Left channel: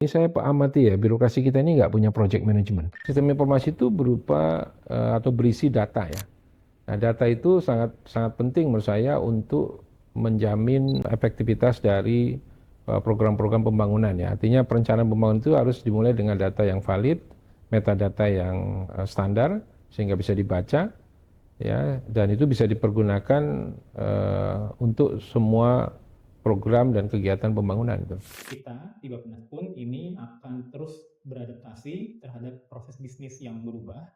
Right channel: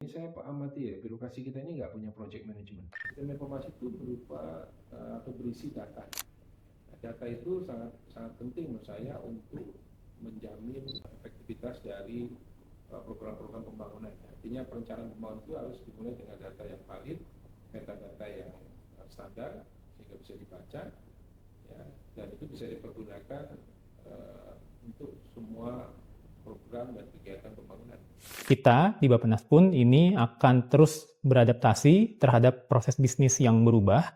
Ini saya amati ya, birokrasi kita ini nggak punya project management. Sistem informasi itu berupa atau berisi data ya. Nah, data itu sangat sangat penting menurut saya untuk menjamin efektivitas dari program-program pembangunan ya. Artinya perencanaan pembangunan itu harus dimulai dengan data yang valid, metadata yang standar sehingga bisa dibaca ya, dan itu bisa dipergunakan untuk semua program dan kegiatan pembangunan. Kita di Bappenas pun ini akan terus beradaptasi terhadap proses bisnis yang berubah,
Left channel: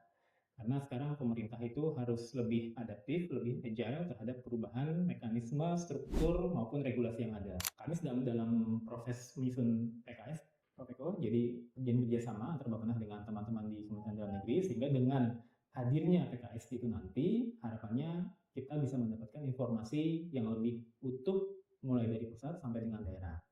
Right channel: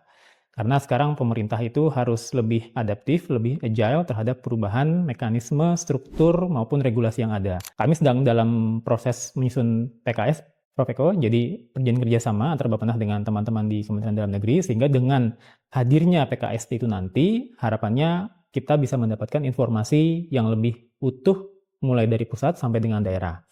karena sekarang pemerintah itu harus lebih adaptif, lebih agile terhadap perubahan mekanisme, struktur, maupun regulasi yang ada. Kami sedang dalam proses menyusun PKS, Prof. Eko, jadi perjanjian kerjasama antara Bappenas dengan teman-teman di Kementerian Dalam Negeri, sehingga dengan hadirnya PKS itu nanti, harapannya kita bisa mendapatkan informasi yang lebih utuh mulai dari pusat sampai dengan daerah.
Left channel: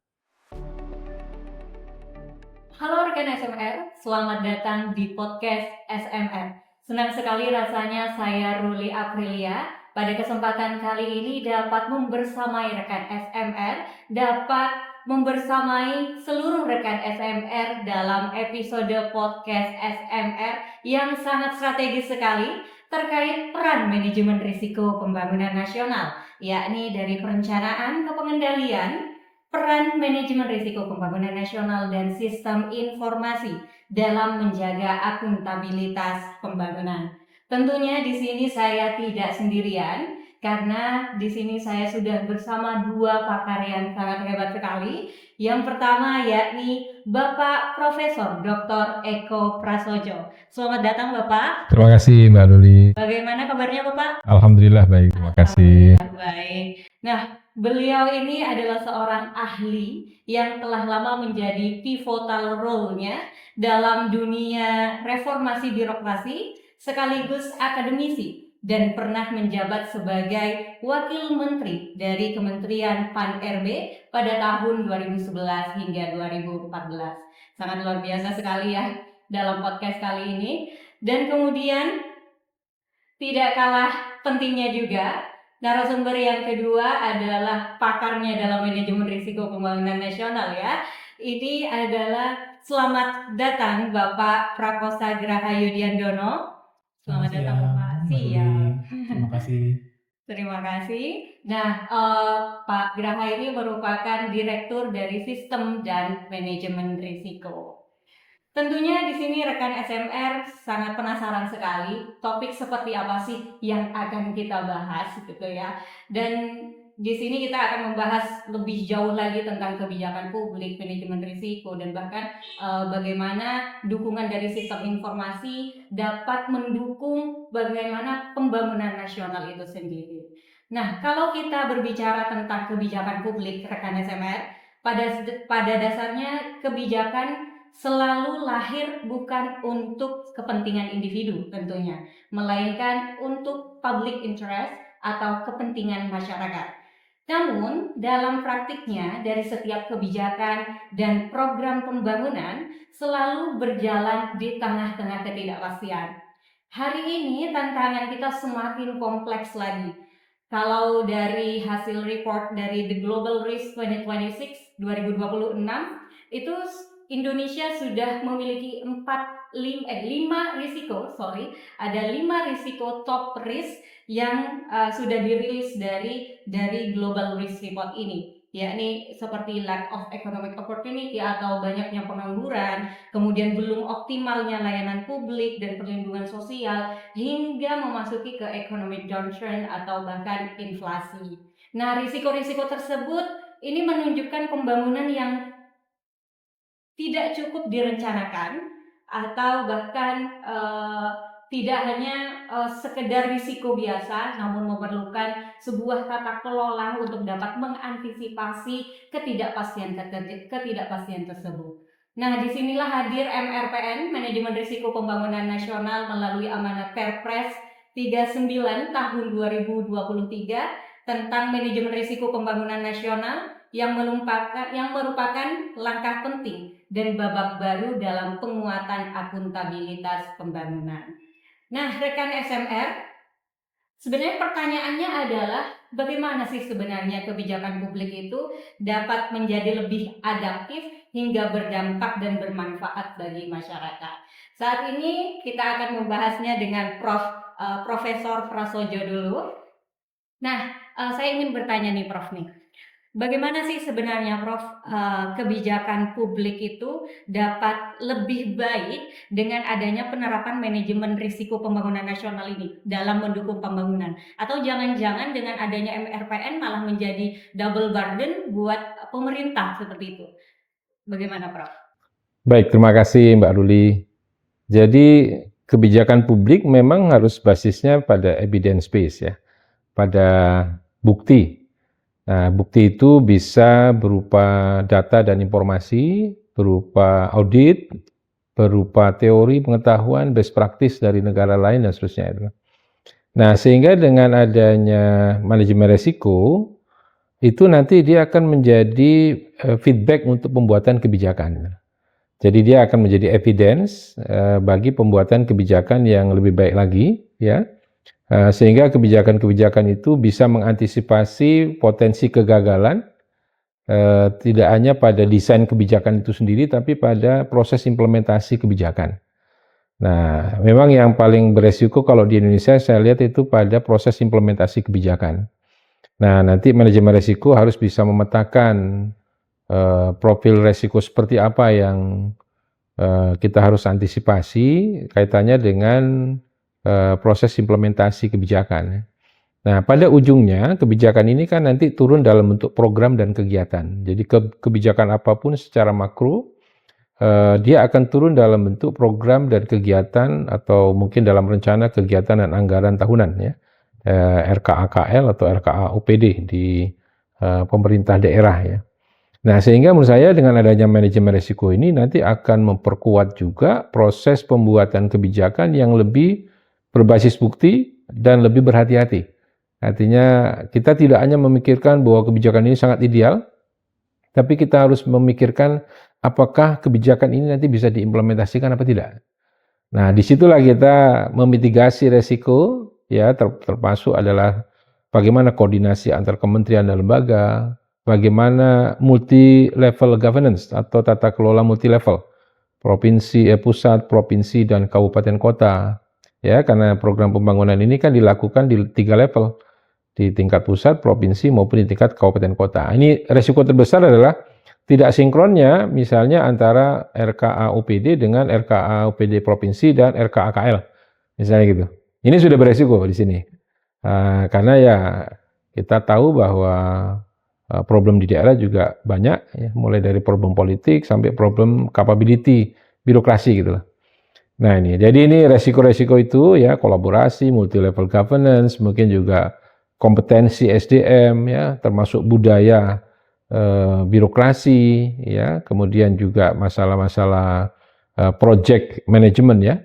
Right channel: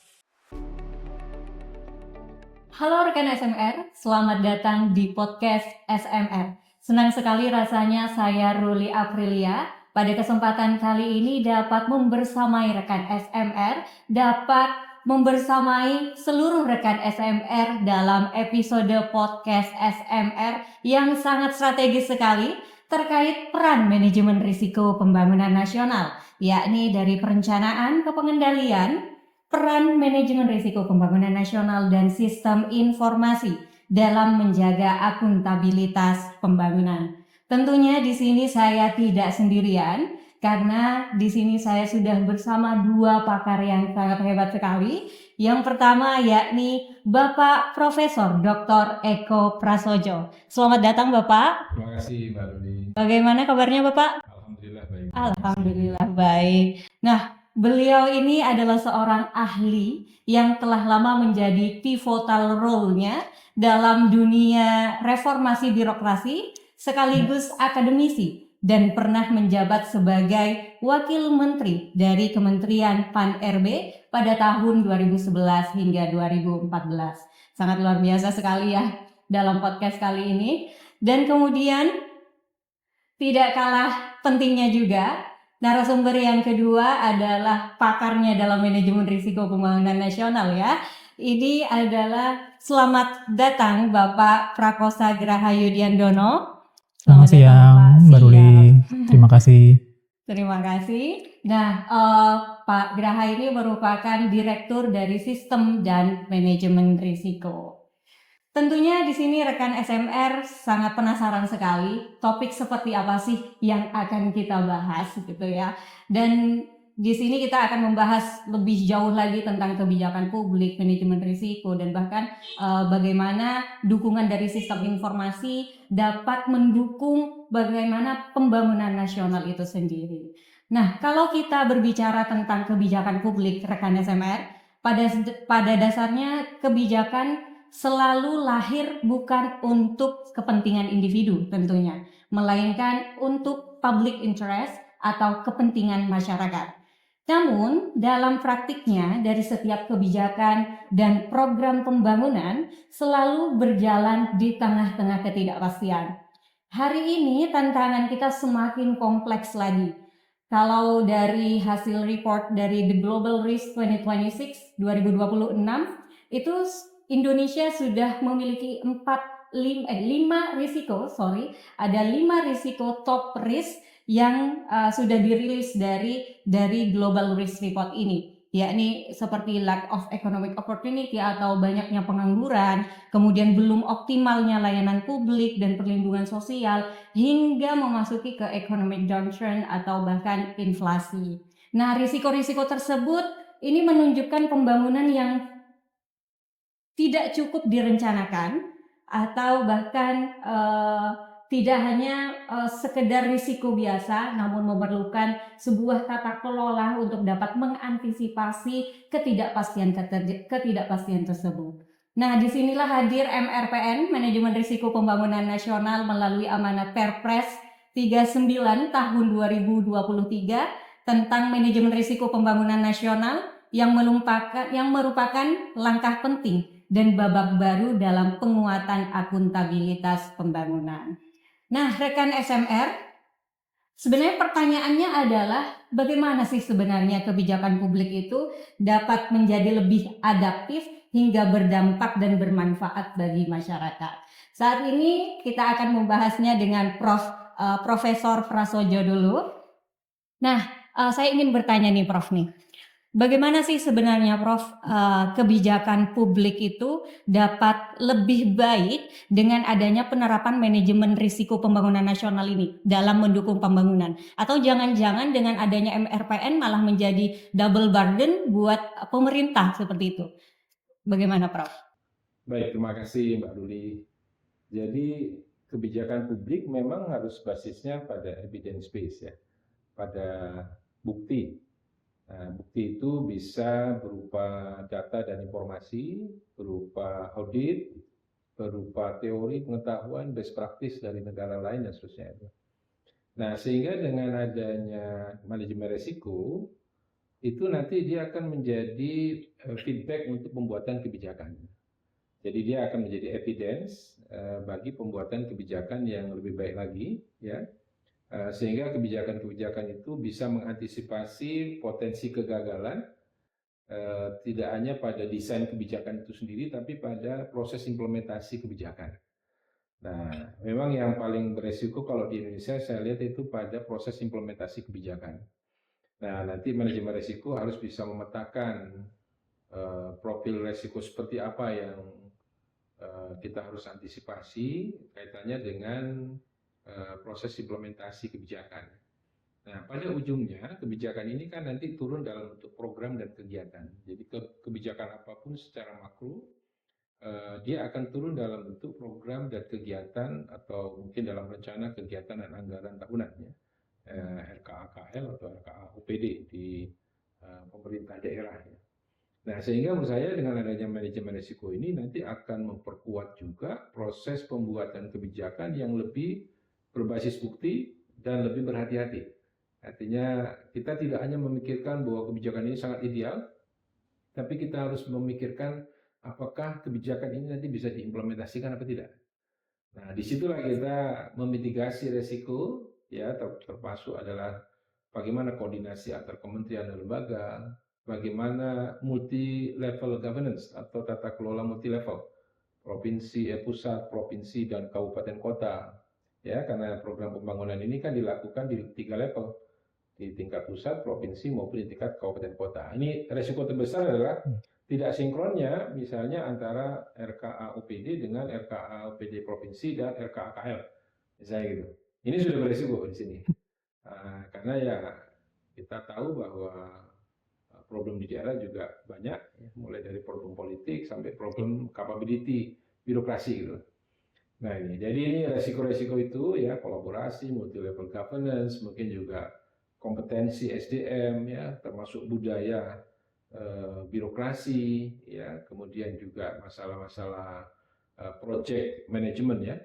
Halo rekan SMR, selamat datang di podcast SMR. Senang sekali rasanya saya Ruli Aprilia pada kesempatan kali ini dapat membersamai rekan SMR, dapat membersamai seluruh rekan SMR dalam episode podcast SMR yang sangat strategis sekali terkait peran manajemen risiko pembangunan nasional, yakni dari perencanaan ke pengendalian, peran manajemen risiko pembangunan nasional dan sistem informasi dalam menjaga akuntabilitas pembangunan. Tentunya di sini saya tidak sendirian karena di sini saya sudah bersama dua pakar yang sangat hebat sekali. Yang pertama yakni Bapak Profesor Dr. Eko Prasojo. Selamat datang Bapak. Terima kasih Mbak Luli. Bagaimana kabarnya Bapak? Alhamdulillah baik, terima kasih. Alhamdulillah baik. Nah, beliau ini adalah seorang ahli yang telah lama menjadi pivotal role-nya dalam dunia reformasi birokrasi sekaligus akademisi dan pernah menjabat sebagai Wakil Menteri dari Kementerian PAN-RB pada tahun 2011 hingga 2014. Sangat luar biasa sekali ya dalam podcast kali ini. Dan kemudian tidak kalah pentingnya juga, narasumber yang kedua adalah pakarnya dalam manajemen risiko pembangunan nasional ya. Ini adalah selamat datang Bapak Prakosa Grahayu Diandono. Selamat siang, Mbak Ruli. Terima kasih. Terima kasih. Nah, Pak Graha ini merupakan Direktur dari Sistem dan Manajemen Risiko. Tentunya di sini rekan SMR sangat penasaran sekali topik seperti apa sih yang akan kita bahas gitu ya. Dan di sini kita akan membahas lebih jauh lagi tentang kebijakan publik, manajemen risiko, dan bahkan bagaimana dukungan dari sistem informasi dapat mendukung bagaimana pembangunan nasional itu sendiri. Nah, kalau kita berbicara tentang kebijakan publik rekan SMR, pada dasarnya kebijakan selalu lahir bukan untuk kepentingan individu tentunya, melainkan untuk public interest atau kepentingan masyarakat. Namun, dalam praktiknya dari setiap kebijakan dan program pembangunan selalu berjalan di tengah-tengah ketidakpastian. Hari ini tantangan kita semakin kompleks lagi. Kalau dari hasil report dari The Global Risk 2026 itu Indonesia sudah memiliki 5 risiko, ada 5 risiko top risk yang sudah dirilis dari Global Risk Report ini, yakni seperti lack of economic opportunity atau banyaknya pengangguran, kemudian belum optimalnya layanan publik dan perlindungan sosial, hingga memasuki ke economic downturn atau bahkan inflasi. Nah, risiko-risiko tersebut ini menunjukkan pembangunan yang tidak cukup direncanakan atau bahkan tidak hanya sekedar risiko biasa, namun memerlukan sebuah tata kelola untuk dapat mengantisipasi ketidakpastian tersebut. Nah, disinilah hadir MRPN, Manajemen Risiko Pembangunan Nasional melalui amanat Perpres 39 tahun 2023 tentang manajemen risiko pembangunan nasional yang merupakan langkah penting dan babak baru dalam penguatan akuntabilitas pembangunan. Nah, rekan SMR, sebenarnya pertanyaannya adalah bagaimana sih sebenarnya kebijakan publik itu dapat menjadi lebih adaptif hingga berdampak dan bermanfaat bagi masyarakat. Saat ini kita akan membahasnya dengan Profesor Prasojo dulu. Nah, saya ingin bertanya nih Prof nih. Bagaimana sih sebenarnya Prof kebijakan publik itu dapat lebih baik dengan adanya penerapan manajemen risiko pembangunan nasional ini dalam mendukung pembangunan? Atau jangan-jangan dengan adanya MRPN malah menjadi double burden buat pemerintah seperti itu? Bagaimana Prof? Baik, terima kasih Mbak Ruli. Jadi kebijakan publik memang harus basisnya pada evidence base ya, pada bukti. Nah, bukti itu bisa berupa data dan informasi, berupa audit, berupa teori pengetahuan, best practice dari negara lain dan seterusnya. Nah, sehingga dengan adanya manajemen resiko, itu nanti dia akan menjadi feedback untuk pembuatan kebijakan. Jadi dia akan menjadi evidence bagi pembuatan kebijakan yang lebih baik lagi, ya. Sehingga kebijakan-kebijakan itu bisa mengantisipasi potensi kegagalan, tidak hanya pada desain kebijakan itu sendiri, tapi pada proses implementasi kebijakan. Nah, memang yang paling beresiko kalau di Indonesia saya lihat itu pada proses implementasi kebijakan. Nah, nanti manajemen risiko harus bisa memetakan profil risiko seperti apa yang kita harus antisipasi kaitannya dengan proses implementasi kebijakan. Nah, pada ujungnya kebijakan ini kan nanti turun dalam bentuk program dan kegiatan. Jadi kebijakan apapun secara makro dia akan turun dalam bentuk program dan kegiatan atau mungkin dalam rencana kegiatan dan anggaran tahunan ya. RKAKL atau RKA-OPD di pemerintah daerah ya. Nah, sehingga menurut saya dengan adanya manajemen risiko ini nanti akan memperkuat juga proses pembuatan kebijakan yang lebih berbasis bukti dan lebih berhati-hati. Artinya kita tidak hanya memikirkan bahwa kebijakan ini sangat ideal, tapi kita harus memikirkan apakah kebijakan ini nanti bisa diimplementasikan apa tidak. Nah, disitulah kita memitigasi resiko, ya termasuk adalah bagaimana koordinasi antar kementerian dan lembaga, bagaimana multi-level governance atau tata kelola multi-level, provinsi, pusat, provinsi, dan kabupaten kota. Ya, karena program pembangunan ini kan dilakukan di 3 level, di tingkat pusat, provinsi, maupun di tingkat kabupaten kota. Ini resiko terbesar adalah tidak sinkronnya misalnya antara RKA-OPD dengan RKA-OPD provinsi dan RKA-KL, misalnya gitu. Ini sudah beresiko di sini. Karena ya kita tahu bahwa problem di daerah juga banyak, ya, mulai dari problem politik sampai problem capability, birokrasi gitu loh. Nah ini, jadi ini resiko-resiko itu ya kolaborasi, multi-level governance, mungkin juga kompetensi SDM ya, termasuk budaya birokrasi ya, kemudian juga masalah-masalah project management ya,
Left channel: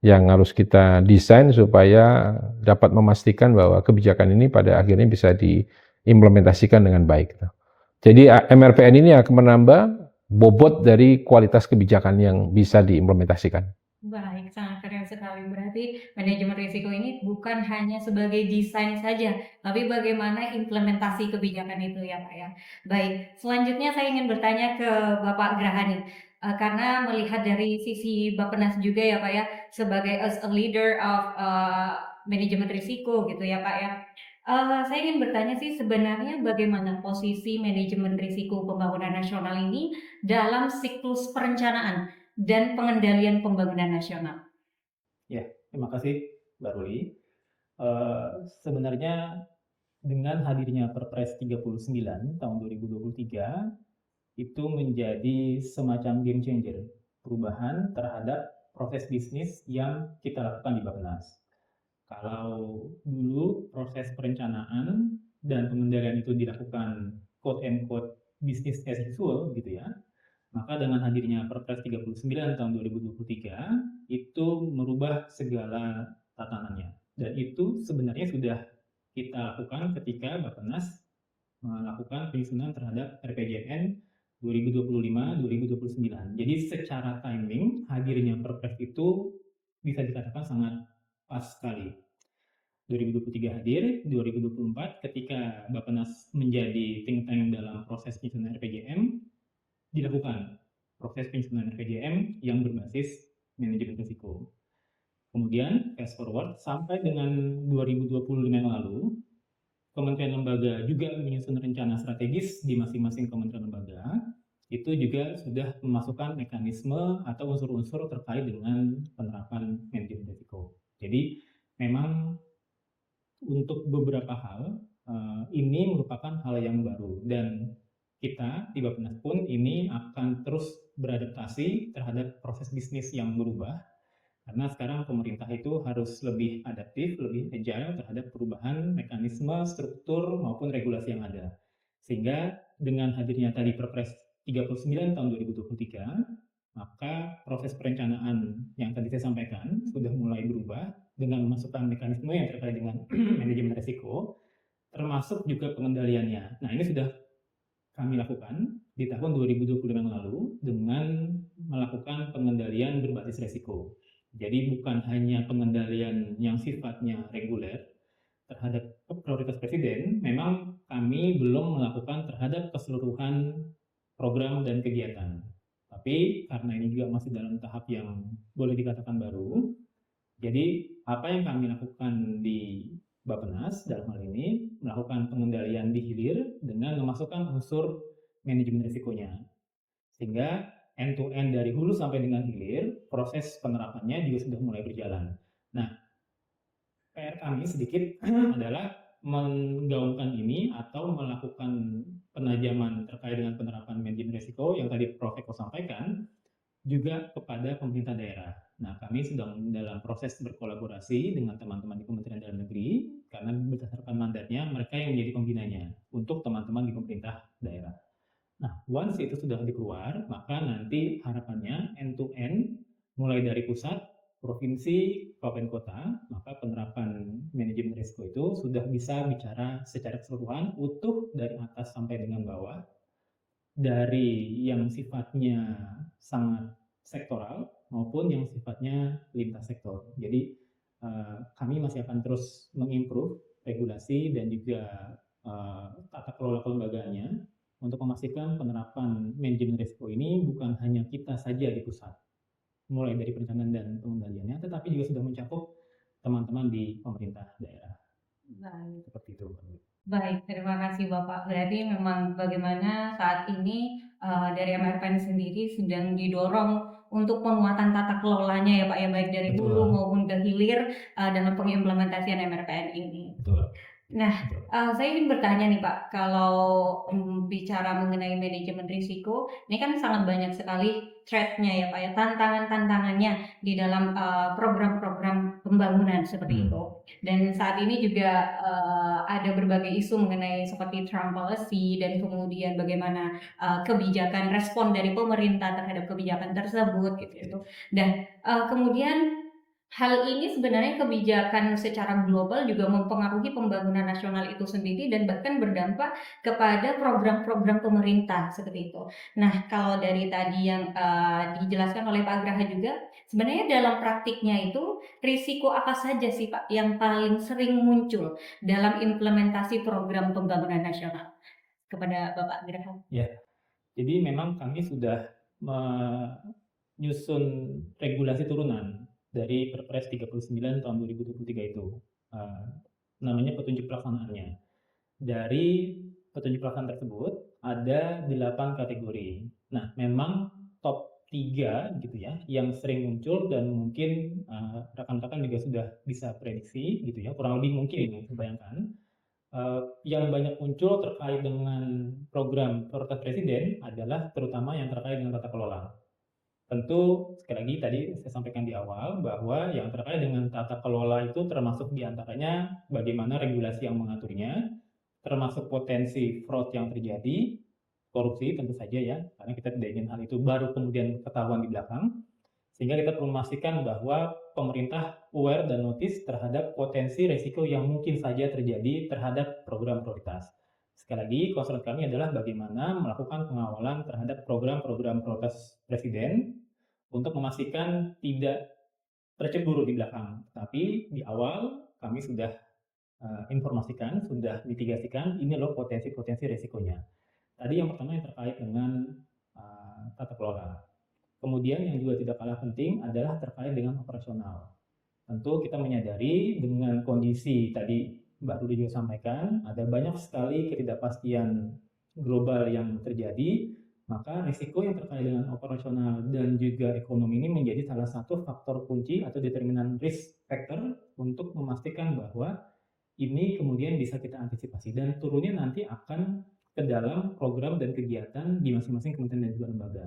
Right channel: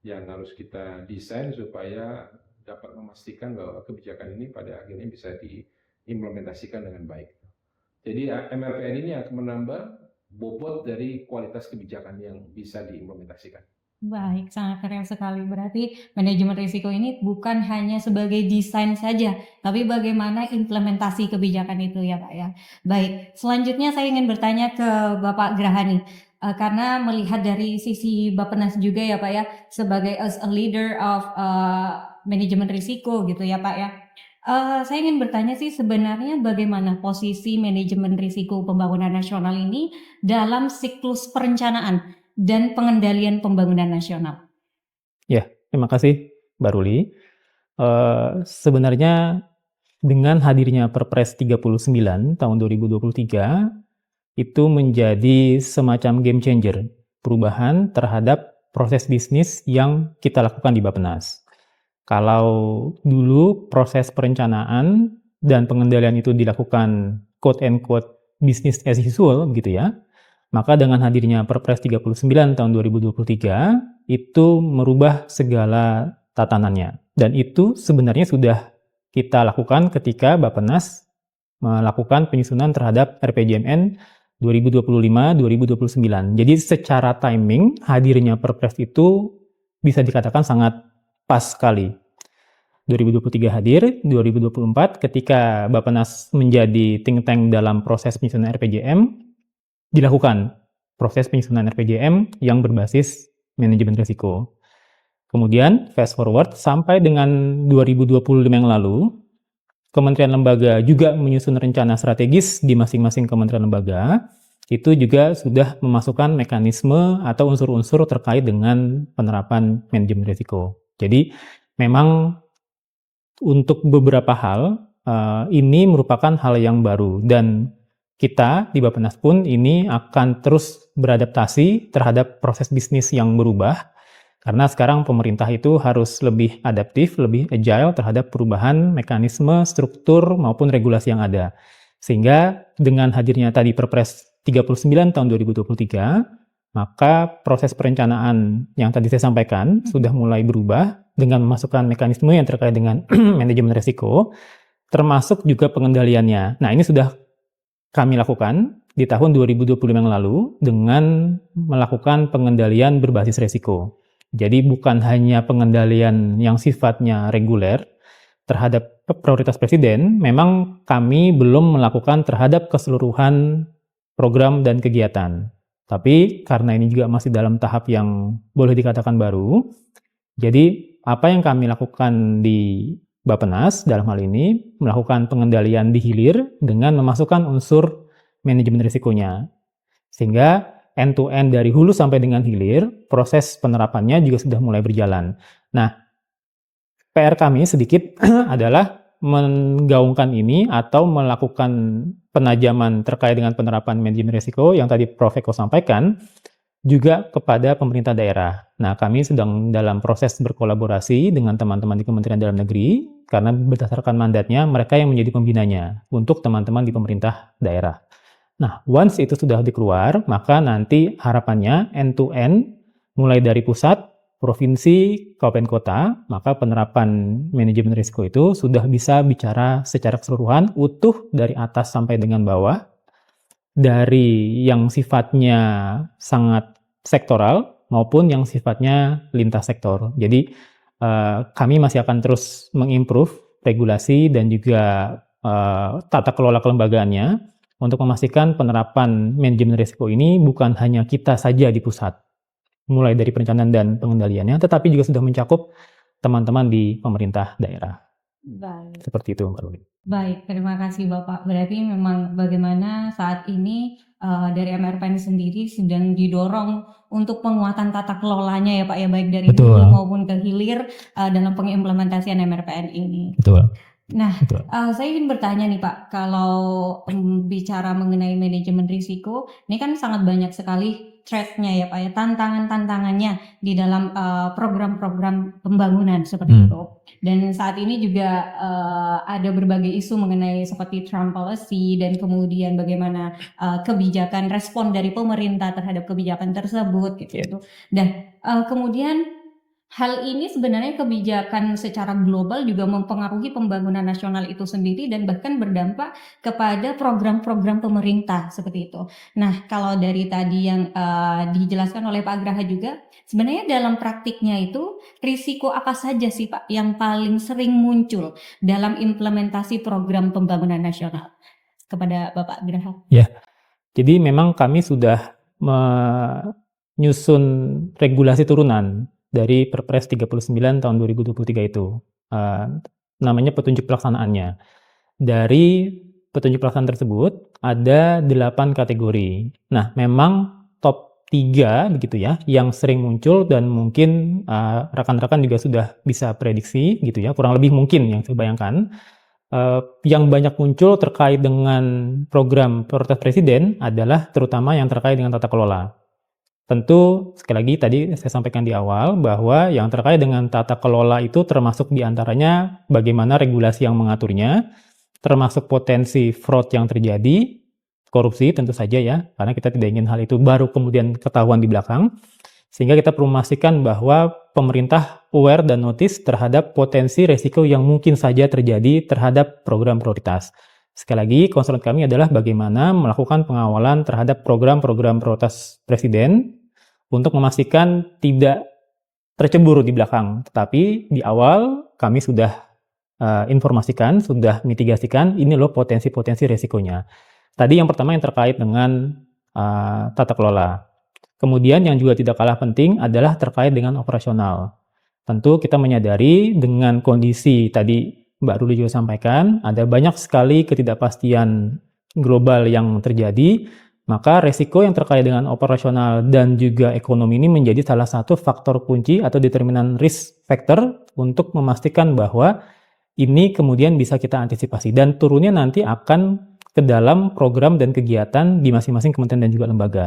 yang harus kita desain supaya dapat memastikan bahwa kebijakan ini pada akhirnya bisa diimplementasikan dengan baik. Jadi MRPN ini akan menambah bobot dari kualitas kebijakan yang bisa diimplementasikan. Baik, sangat keren sekali. Berarti manajemen risiko ini bukan hanya sebagai desain saja, tapi bagaimana implementasi kebijakan itu ya Pak ya. Baik, selanjutnya saya ingin bertanya ke Bapak Graha nih. Karena melihat dari sisi Bappenas juga ya Pak ya, sebagai as a leader of manajemen risiko gitu ya Pak ya. Saya ingin bertanya sih sebenarnya bagaimana posisi manajemen risiko pembangunan nasional ini dalam siklus perencanaan dan pengendalian pembangunan nasional. Ya, terima kasih Mbak Ruli. Sebenarnya dengan hadirnya Perpres 39 tahun 2023 itu menjadi semacam game changer, perubahan terhadap proses bisnis yang kita lakukan di Bappenas. Kalau dulu proses perencanaan dan pengendalian itu dilakukan quote and quote business as usual gitu ya, maka dengan hadirnya Perpres 39 tahun 2023 itu merubah segala tatanannya. Dan itu sebenarnya sudah kita lakukan ketika Bappenas melakukan penyusunan terhadap RPJMN 2025-2029. Jadi secara timing hadirnya Perpres itu bisa dikatakan sangat pas sekali. 2023 hadir, 2024 ketika Bappenas menjadi think tank dalam proses penyusunan RPJM, dilakukan proses penyusunan RPJM yang berbasis manajemen risiko. Kemudian fast forward sampai dengan 2025 yang lalu, kementerian lembaga juga menyusun rencana strategis di masing-masing kementerian lembaga. Itu juga sudah memasukkan mekanisme atau unsur-unsur terkait dengan penerapan manajemen risiko. Jadi memang untuk beberapa hal ini merupakan hal yang baru dan kita di Bappenas pun ini akan terus beradaptasi terhadap proses bisnis yang berubah karena sekarang pemerintah itu harus lebih adaptif, lebih agile terhadap perubahan mekanisme, struktur maupun regulasi yang ada. Sehingga dengan hadirnya tadi Perpres 39 tahun 2023, maka proses perencanaan yang tadi saya sampaikan sudah mulai berubah dengan memasukkan mekanisme yang terkait dengan manajemen risiko, termasuk juga pengendaliannya. Nah, ini sudah kami lakukan di tahun 2025 yang lalu dengan melakukan pengendalian berbasis risiko. Jadi bukan hanya pengendalian yang sifatnya reguler terhadap prioritas presiden, memang kami belum melakukan terhadap keseluruhan program dan kegiatan. Tapi karena ini juga masih dalam tahap yang boleh dikatakan baru, jadi apa yang kami lakukan di Bappenas dalam hal ini melakukan pengendalian di hilir dengan memasukkan unsur manajemen risikonya. Sehingga end-to-end dari hulu sampai dengan hilir, proses penerapannya juga sudah mulai berjalan. Nah, PR kami sedikit adalah menggaungkan ini atau melakukan penajaman terkait dengan penerapan manajemen risiko yang tadi Prof. Eko sampaikan juga kepada pemerintah daerah. Nah, kami sedang dalam proses berkolaborasi dengan teman-teman di Kementerian Dalam Negeri karena berdasarkan mandatnya mereka yang menjadi pembinanya untuk teman-teman di pemerintah daerah. Nah, once itu sudah dikeluar, maka nanti harapannya end-to-end mulai dari pusat, provinsi, kabupaten kota, maka penerapan manajemen risiko itu sudah bisa bicara secara keseluruhan, utuh dari atas sampai dengan bawah, dari yang sifatnya sangat sektoral maupun yang sifatnya lintas sektor. Jadi kami masih akan terus mengimprove regulasi dan juga tata kelola kelembagaannya untuk memastikan penerapan manajemen risiko ini bukan hanya kita saja di pusat, mulai dari perencanaan dan pengendaliannya, tetapi juga sudah mencakup teman-teman di pemerintah daerah. Baik. Seperti itu, Mbak Luli. Baik, terima kasih Bapak. Berarti memang bagaimana saat ini dari MRPN sendiri sedang didorong untuk penguatan tata kelolanya ya Pak ya, baik dari Betul. hulu maupun ke hilir dalam pengimplementasian MRPN ini. Betul. Nah, Betul. saya ingin bertanya nih Pak, kalau bicara mengenai manajemen risiko, ini kan sangat banyak sekali threat-nya ya Pak ya, tantangan-tantangannya di dalam program-program pembangunan seperti itu. Dan saat ini juga ada berbagai isu mengenai seperti Trump policy dan kemudian bagaimana kebijakan respon dari pemerintah terhadap kebijakan tersebut gitu. Dan kemudian hal ini sebenarnya kebijakan secara global juga mempengaruhi pembangunan nasional itu sendiri dan bahkan berdampak kepada program-program pemerintah seperti itu. Nah, kalau dari tadi yang dijelaskan oleh Pak Graha juga, sebenarnya dalam praktiknya itu risiko apa saja sih Pak yang paling sering muncul dalam implementasi program pembangunan nasional? Kepada Bapak Graha. Ya, jadi memang kami sudah menyusun regulasi turunan dari Perpres 39 tahun 2023 itu. Namanya petunjuk pelaksanaannya. Dari petunjuk pelaksanaan tersebut ada 8 kategori. Nah, memang top 3 begitu ya, yang sering muncul dan mungkin rekan-rekan juga sudah bisa prediksi gitu ya, kurang lebih mungkin yang saya bayangkan. Yang banyak muncul terkait dengan program prioritas presiden adalah terutama yang terkait dengan tata kelola. Tentu, sekali lagi tadi saya sampaikan di awal bahwa yang terkait dengan tata kelola itu termasuk diantaranya bagaimana regulasi yang mengaturnya, termasuk potensi fraud yang terjadi, korupsi tentu saja ya, karena kita tidak ingin hal itu baru kemudian ketahuan di belakang, sehingga kita perlu memastikan bahwa pemerintah aware dan notice terhadap potensi resiko yang mungkin saja terjadi terhadap program prioritas. Sekali lagi, concern kami adalah bagaimana melakukan pengawalan terhadap program-program prioritas presiden untuk memastikan tidak tercebur di belakang. Tetapi di awal kami sudah informasikan, sudah mitigasikan, ini loh potensi-potensi resikonya. Tadi yang pertama yang terkait dengan tata kelola. Kemudian yang juga tidak kalah penting adalah terkait dengan operasional. Tentu kita menyadari dengan kondisi tadi Mbak Ruli juga sampaikan, ada banyak sekali ketidakpastian global yang terjadi, maka resiko yang terkait dengan operasional dan juga ekonomi ini menjadi salah satu faktor kunci atau determinan risk factor untuk memastikan bahwa ini kemudian bisa kita antisipasi dan turunnya nanti akan ke dalam program dan kegiatan di masing-masing kementerian dan juga lembaga.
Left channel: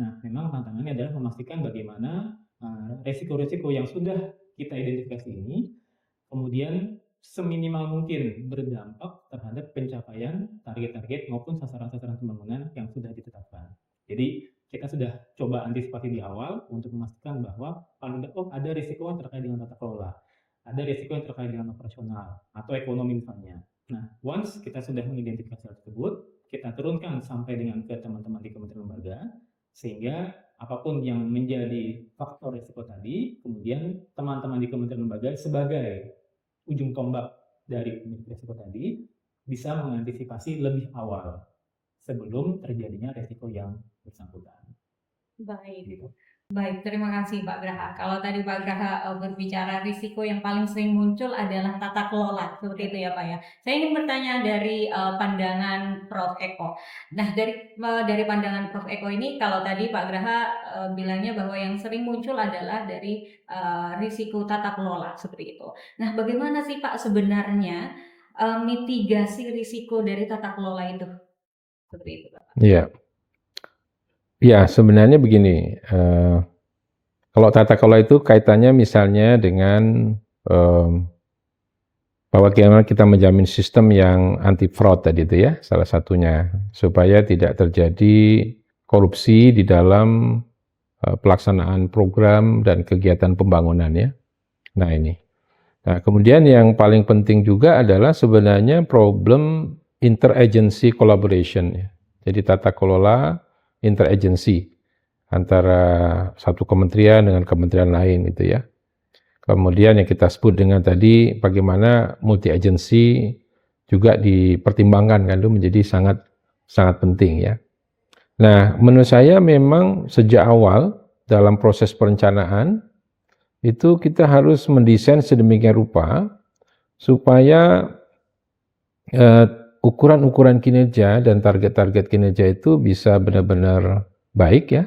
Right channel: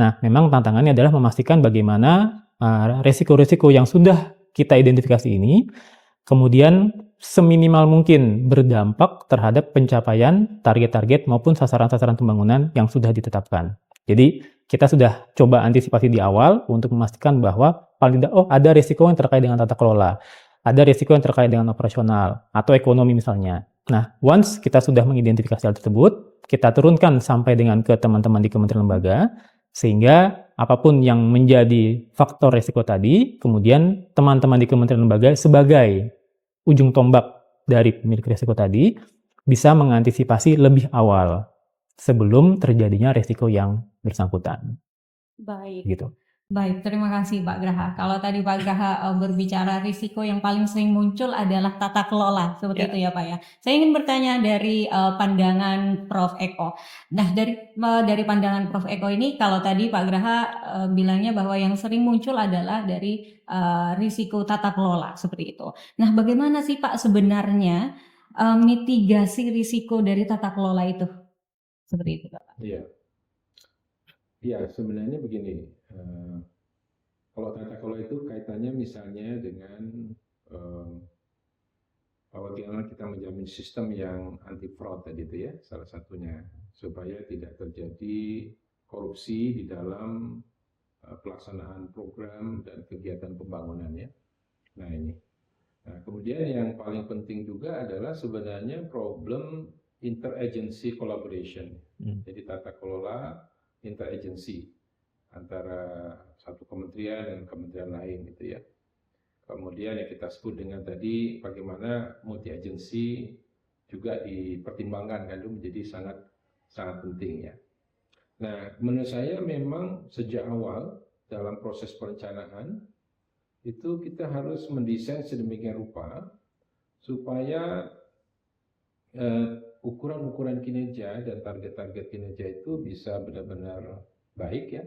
Nah, memang tantangannya adalah memastikan bagaimana resiko-resiko yang sudah kita identifikasi ini kemudian seminimal mungkin berdampak terhadap pencapaian target-target maupun sasaran-sasaran pembangunan yang sudah ditetapkan. Jadi kita sudah coba antisipasi di awal untuk memastikan bahwa paling tidak, ada risiko yang terkait dengan tata kelola, ada risiko yang terkait dengan operasional atau ekonomi misalnya. Nah, once kita sudah mengidentifikasi hal tersebut, kita turunkan sampai dengan ke teman-teman di kementerian lembaga, sehingga apapun yang menjadi faktor risiko tadi, kemudian teman-teman di kementerian lembaga sebagai ujung tombak dari pemilik risiko tadi bisa mengantisipasi lebih awal sebelum terjadinya risiko yang bersangkutan. Baik. Gitu. Baik, terima kasih Pak Graha. Kalau tadi Pak Graha berbicara risiko yang paling sering muncul adalah tata kelola, seperti itu ya Pak ya. Saya ingin bertanya dari pandangan Prof. Eko. Nah, dari pandangan Prof. Eko ini, kalau tadi Pak Graha bilangnya bahwa yang sering muncul adalah dari risiko tata kelola, seperti itu. Nah, bagaimana sih Pak sebenarnya mitigasi risiko dari tata kelola itu? Seperti itu Pak. Iya. Ya, sebenarnya begini, kalau tata kelola itu kaitannya misalnya dengan bahwa bagaimana kita menjamin sistem yang anti fraud tadi itu ya, salah satunya, supaya tidak terjadi korupsi di dalam pelaksanaan program dan kegiatan pembangunan ya. Nah ini. Nah kemudian yang paling penting juga adalah sebenarnya problem interagency collaboration ya. Jadi tata kelola interagency antara satu kementerian dengan kementerian lain itu ya. Kemudian yang kita sebut dengan tadi bagaimana multi agency juga dipertimbangkan kan, itu menjadi sangat penting ya. Nah, menurut saya memang sejak awal dalam proses perencanaan itu kita harus mendesain sedemikian rupa supaya ukuran-ukuran kinerja dan target-target kinerja itu bisa benar-benar baik ya,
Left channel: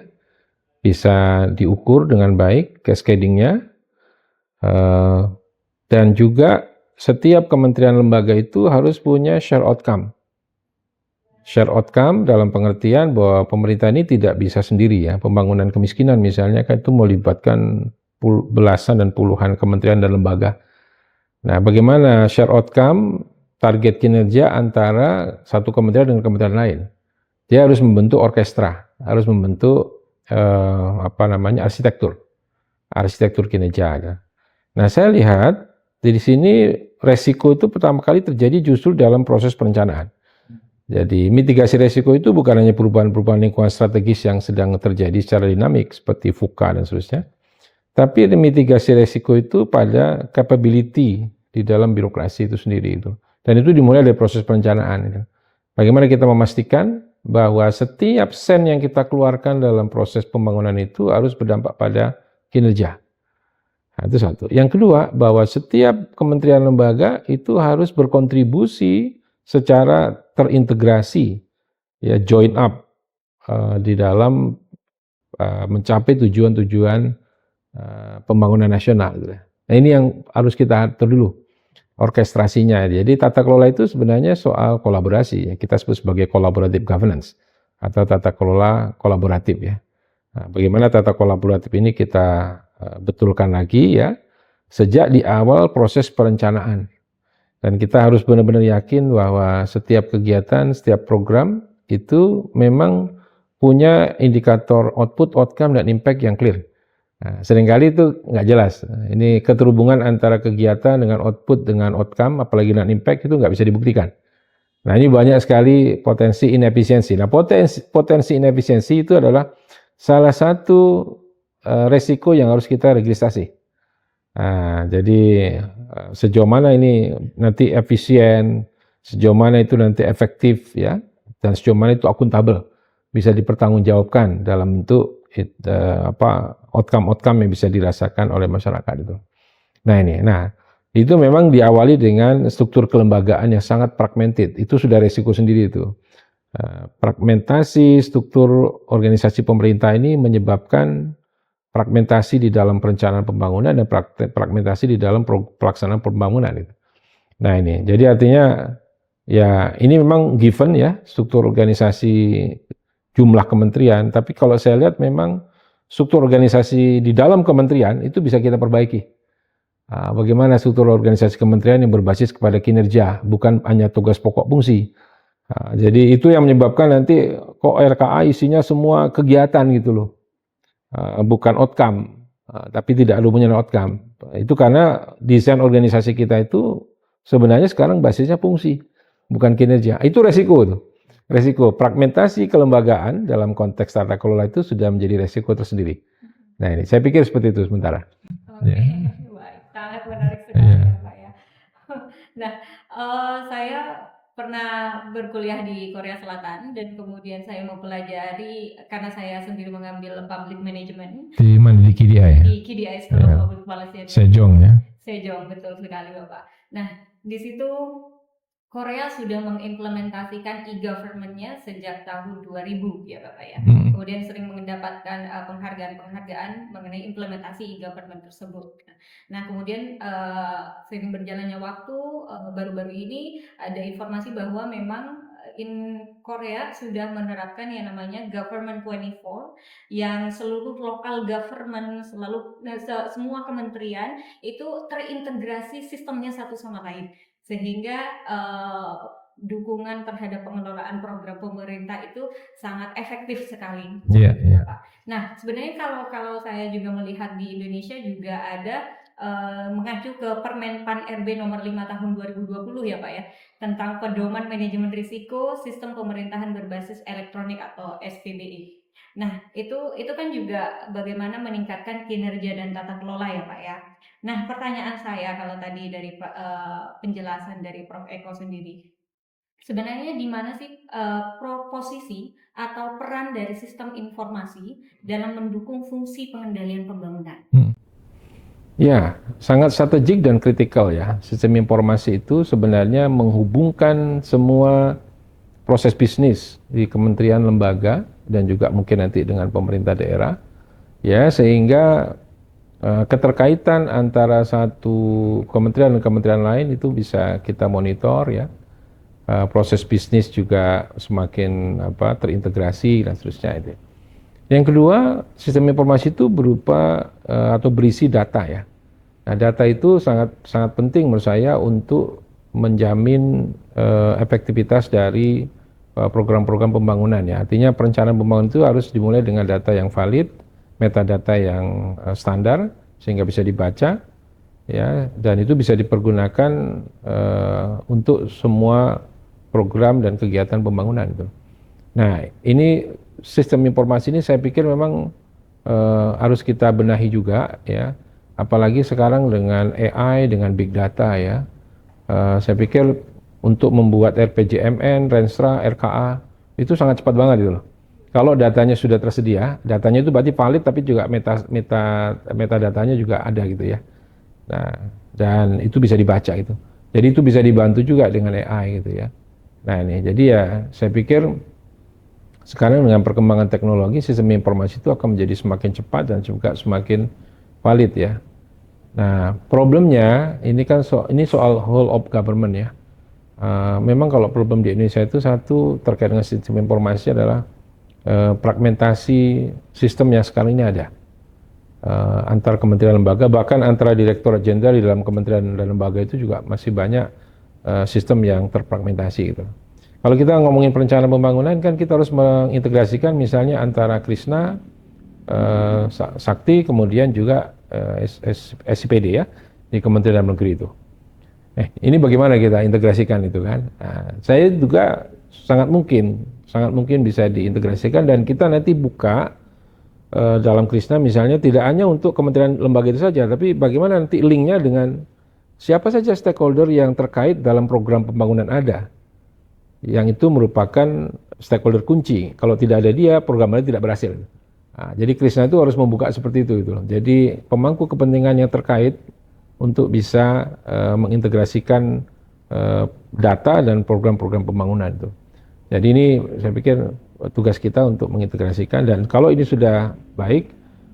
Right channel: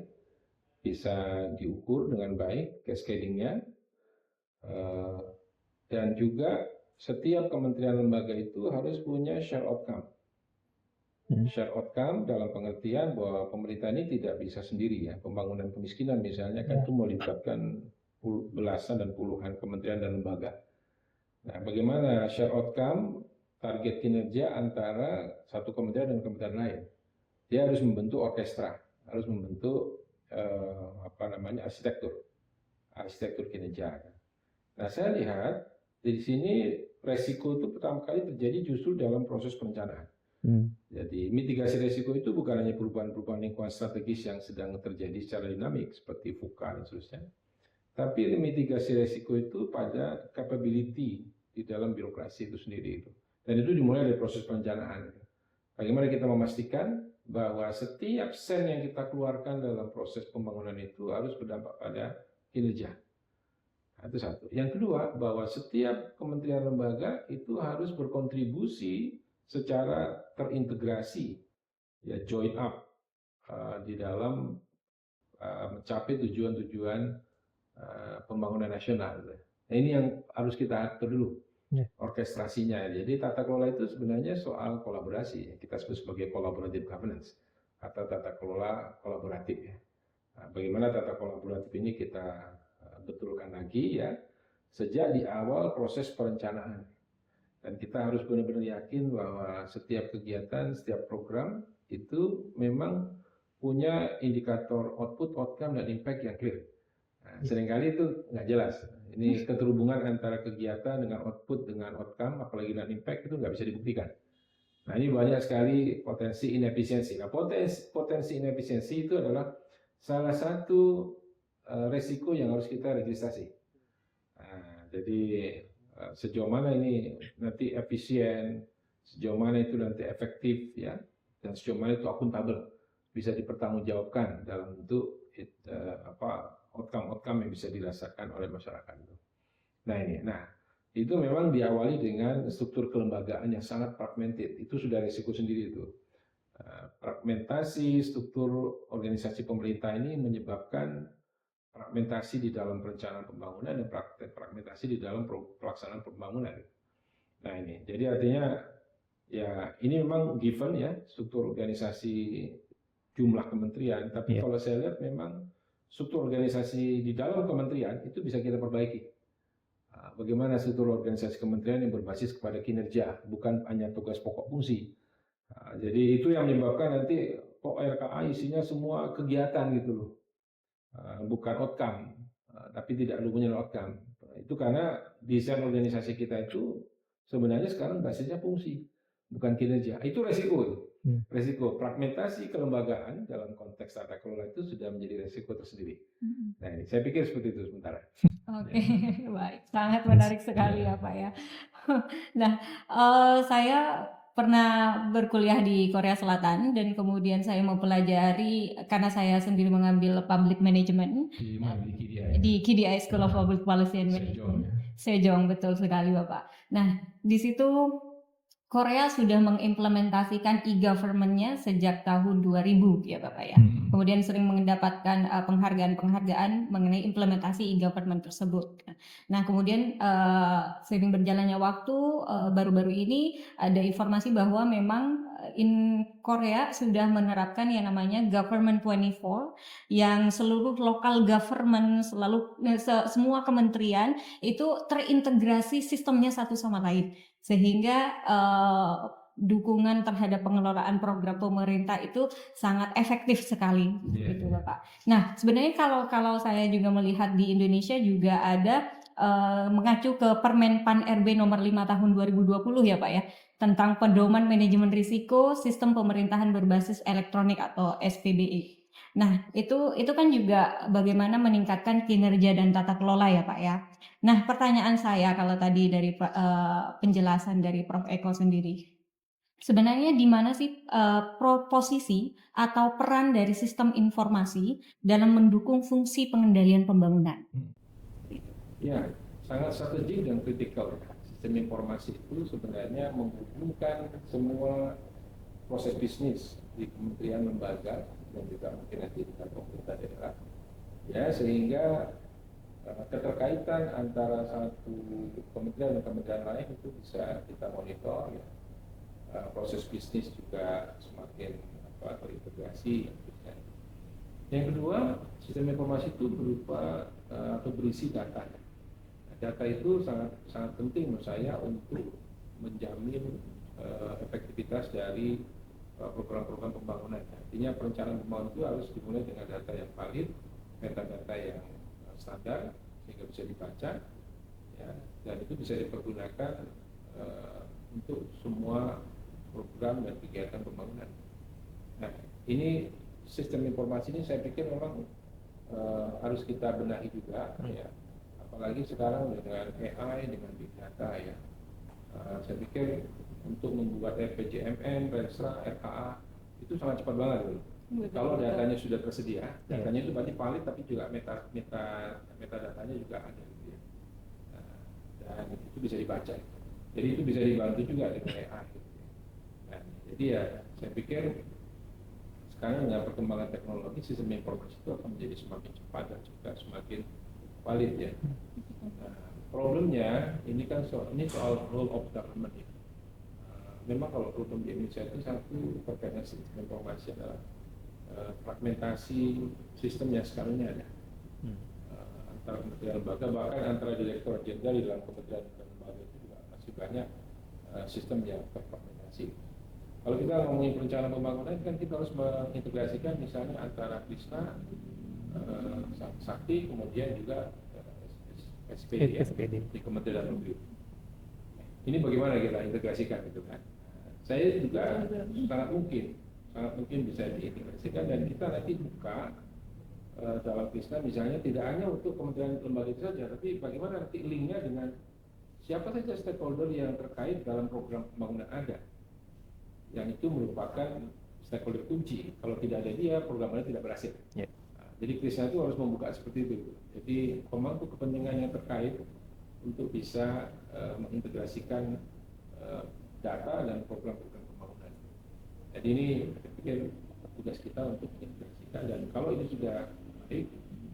bisa diukur dengan baik cascading-nya, dan juga setiap kementerian lembaga itu harus punya share outcome. Share outcome dalam pengertian bahwa pemerintah ini tidak bisa sendiri ya, pembangunan kemiskinan misalnya kan itu melibatkan belasan dan puluhan kementerian dan lembaga. Nah, bagaimana share outcome target kinerja antara satu kementerian dengan kementerian lain? Dia harus membentuk orkestra, harus membentuk arsitektur kinerja. Nah, saya lihat di sini resiko itu pertama kali terjadi justru dalam proses perencanaan. Jadi mitigasi resiko itu bukan hanya perubahan-perubahan lingkungan strategis yang sedang terjadi secara dinamik seperti VUCA dan seterusnya, tapi mitigasi resiko itu pada capability di dalam birokrasi itu sendiri itu. Dan itu dimulai dari proses perencanaan. Bagaimana kita memastikan bahwa setiap sen yang kita keluarkan dalam proses pembangunan itu harus berdampak pada kinerja. Nah, itu satu. Yang kedua, bahwa setiap kementerian lembaga itu harus berkontribusi secara terintegrasi, ya join up di dalam mencapai tujuan-tujuan pembangunan nasional. Nah, ini yang harus kita atur dulu, orkestrasinya. Jadi tata kelola itu sebenarnya soal kolaborasi, ya. Kita sebut sebagai collaborative governance atau tata kelola kolaboratif ya. Nah, bagaimana tata kolaboratif ini kita betulkan lagi ya sejak di awal proses perencanaan, dan kita harus benar-benar yakin bahwa setiap kegiatan, setiap program itu memang punya indikator output, outcome, dan impact yang clear. Nah, seringkali itu nggak jelas. Ini keterhubungan antara kegiatan dengan output dengan outcome, apalagi dengan impact itu nggak bisa dibuktikan. Nah, ini banyak sekali potensi inefisiensi. Nah, potensi inefisiensi itu adalah salah satu resiko yang harus kita registrasi. Nah, jadi sejauh mana ini nanti efisien, sejauh mana itu nanti efektif ya, dan sejauh mana itu akuntabel. bisa dipertanggungjawabkan dalam bentuk outcome yang bisa dirasakan oleh masyarakat itu. Nah itu memang diawali dengan struktur kelembagaan yang sangat fragmented. Itu sudah resiko sendiri itu. Fragmentasi struktur organisasi pemerintah ini menyebabkan fragmentasi di dalam perencanaan pembangunan dan fragmentasi di dalam pelaksanaan pembangunan itu. Nah ini, jadi artinya ya ini memang given ya struktur organisasi jumlah kementerian, tapi kalau saya lihat memang struktur organisasi di dalam kementerian itu bisa kita perbaiki. Bagaimana struktur organisasi kementerian yang berbasis kepada kinerja, bukan hanya tugas pokok fungsi. Jadi itu yang menyebabkan nanti kok RKA isinya semua kegiatan gitu loh. Bukan outcome, tapi tidak ada hubungannya dengan outcome. Itu karena desain organisasi kita itu sebenarnya sekarang basisnya fungsi, bukan kinerja. Itu resiko tuh. Resiko fragmentasi kelembagaan dalam konteks tata kelola itu sudah menjadi resiko tersendiri. Nah ini saya pikir seperti itu sementara. Oke, baik, sangat menarik sekali ya Pak ya. Nah, saya pernah berkuliah di Korea Selatan dan kemudian saya mempelajari karena saya sendiri mengambil public management Di mana di KDI ya? di KDI School of Public Policy and Sejong ya. Sejong, betul sekali Bapak. Nah, di situ Korea sudah mengimplementasikan e-government-nya sejak tahun 2000 ya Bapak ya. Kemudian sering mendapatkan penghargaan-penghargaan mengenai implementasi e-government tersebut. Nah, kemudian seiring berjalannya waktu baru-baru ini ada informasi bahwa memang in Korea sudah menerapkan yang namanya Government 24 yang seluruh local government semua kementerian itu terintegrasi sistemnya satu sama lain. Sehingga dukungan terhadap pengelolaan program pemerintah itu sangat efektif sekali. Pak. Nah, sebenarnya kalau saya juga melihat di Indonesia juga ada mengacu ke Permen Pan RB nomor 5 tahun 2020 ya Pak ya, tentang pedoman manajemen risiko sistem pemerintahan berbasis elektronik atau SPBE. Nah, itu kan juga bagaimana meningkatkan kinerja dan tata kelola ya Pak ya. Nah, pertanyaan saya kalau tadi dari penjelasan dari Prof. Eko sendiri, sebenarnya di mana sih posisi atau peran dari sistem informasi dalam mendukung fungsi pengendalian pembangunan? Ya, sangat strategik dan kritikal ya. Sistem informasi itu sebenarnya menghubungkan semua proses bisnis di kementerian lembaga dan juga mungkin nanti dengan pemerintah daerah, ya sehingga keterkaitan antara satu kementerian dan kementerian lain itu bisa kita monitor ya. Proses bisnis juga semakin terintegrasi dan seterusnya itu. Yang kedua, sistem informasi itu berupa atau berisi data ya. Nah, data itu sangat penting menurut saya untuk menjamin efektivitas dari program-program pembangunan ya. Artinya perencanaan pembangunan itu harus dimulai dengan data yang valid, metadata yang standar sehingga bisa dibaca ya, dan itu bisa dipergunakan untuk semua program dan kegiatan pembangunan itu. Nah, ini sistem informasi ini saya pikir memang harus kita benahi juga ya, apalagi sekarang dengan AI, dengan big data ya. Saya pikir untuk membuat RPJMN, Renstra, RKA itu sangat cepat banget gitu loh. Kalau datanya sudah tersedia, datanya itu berarti valid tapi juga metadatanya juga ada gitu ya. Nah, dan itu bisa dibaca gitu. Jadi itu bisa dibantu juga dengan AI gitu ya. Nah ini, jadi ya saya pikir sekarang dengan perkembangan teknologi sistem informasi itu akan menjadi semakin cepat dan juga semakin valid ya. Nah problemnya ini kan ini soal whole of government ya. Memang kalau problem di Indonesia itu satu terkait dengan sistem informasi adalah fragmentasi sistem yang sekarang ini ada antar kementerian lembaga, bahkan antara direktorat jenderal di dalam kementerian dan lembaga itu juga masih banyak sistem yang terfragmentasi gitu. Kalau kita ngomongin perencanaan pembangunan kan kita harus mengintegrasikan misalnya antara Krisna, Sakti, kemudian juga SIPD ya di Kementerian Dalam Negeri itu. Ini bagaimana kita integrasikan itu kan? Nah, saya juga sangat mungkin bisa diintegrasikan dan kita nanti buka dalam Krisna misalnya tidak hanya untuk kementerian lembaga itu saja, tapi bagaimana nanti linknya dengan siapa saja stakeholder yang terkait dalam program pembangunan ada, yang itu merupakan stakeholder kunci. Kalau tidak ada dia, programnya tidak berhasil. Nah, jadi Krishna itu harus membuka seperti itu gitu loh. Jadi pemangku kepentingan yang terkait untuk bisa mengintegrasikan data dan program-program pembangunan itu. Jadi ini saya pikir tugas kita untuk mengintegrasikan, dan kalau ini sudah baik,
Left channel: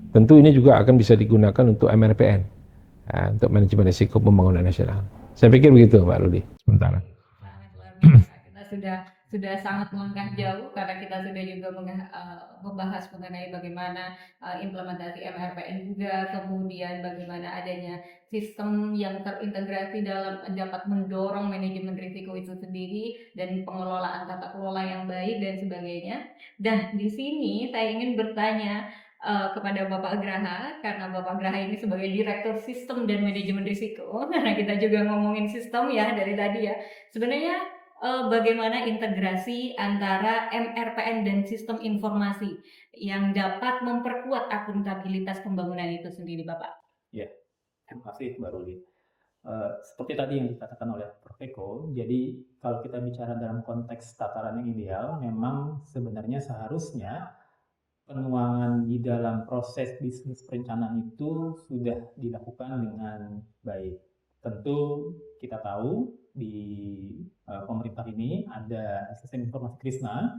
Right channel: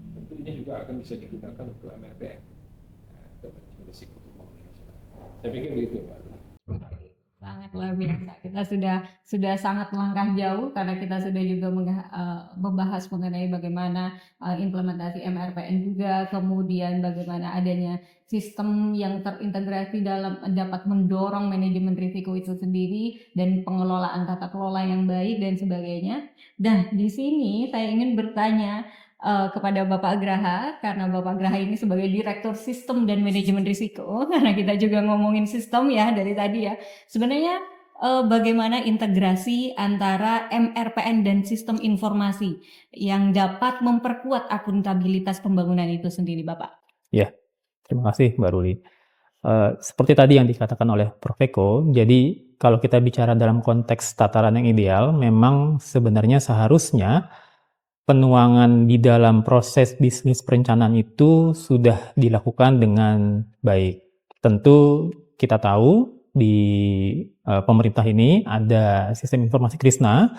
tentu ini juga akan bisa digunakan untuk MRPN, untuk manajemen risiko pembangunan nasional. Saya pikir begitu, Pak Rudi. Sementara. Sangat luar biasa. Kita sudah sangat langkah jauh karena kita sudah juga membahas mengenai bagaimana implementasi MRPN juga, kemudian bagaimana adanya sistem yang terintegrasi dalam dapat mendorong manajemen risiko itu sendiri dan pengelolaan tata kelola yang baik dan sebagainya. Dan di sini saya ingin bertanya kepada Bapak Graha, karena Bapak Graha ini sebagai Direktur Sistem dan Manajemen Risiko, karena kita juga ngomongin sistem ya dari tadi ya. Sebenarnya bagaimana integrasi antara MRPN dan sistem informasi yang dapat memperkuat akuntabilitas pembangunan itu sendiri, Bapak? Ya, terima kasih Mbak Ruli. Seperti tadi yang dikatakan oleh Prof. Eko, jadi kalau kita bicara dalam konteks tataran yang ideal, memang sebenarnya seharusnya penuangan di dalam proses bisnis perencanaan itu sudah dilakukan dengan baik. Tentu kita tahu di pemerintah ini ada sistem informasi Krishna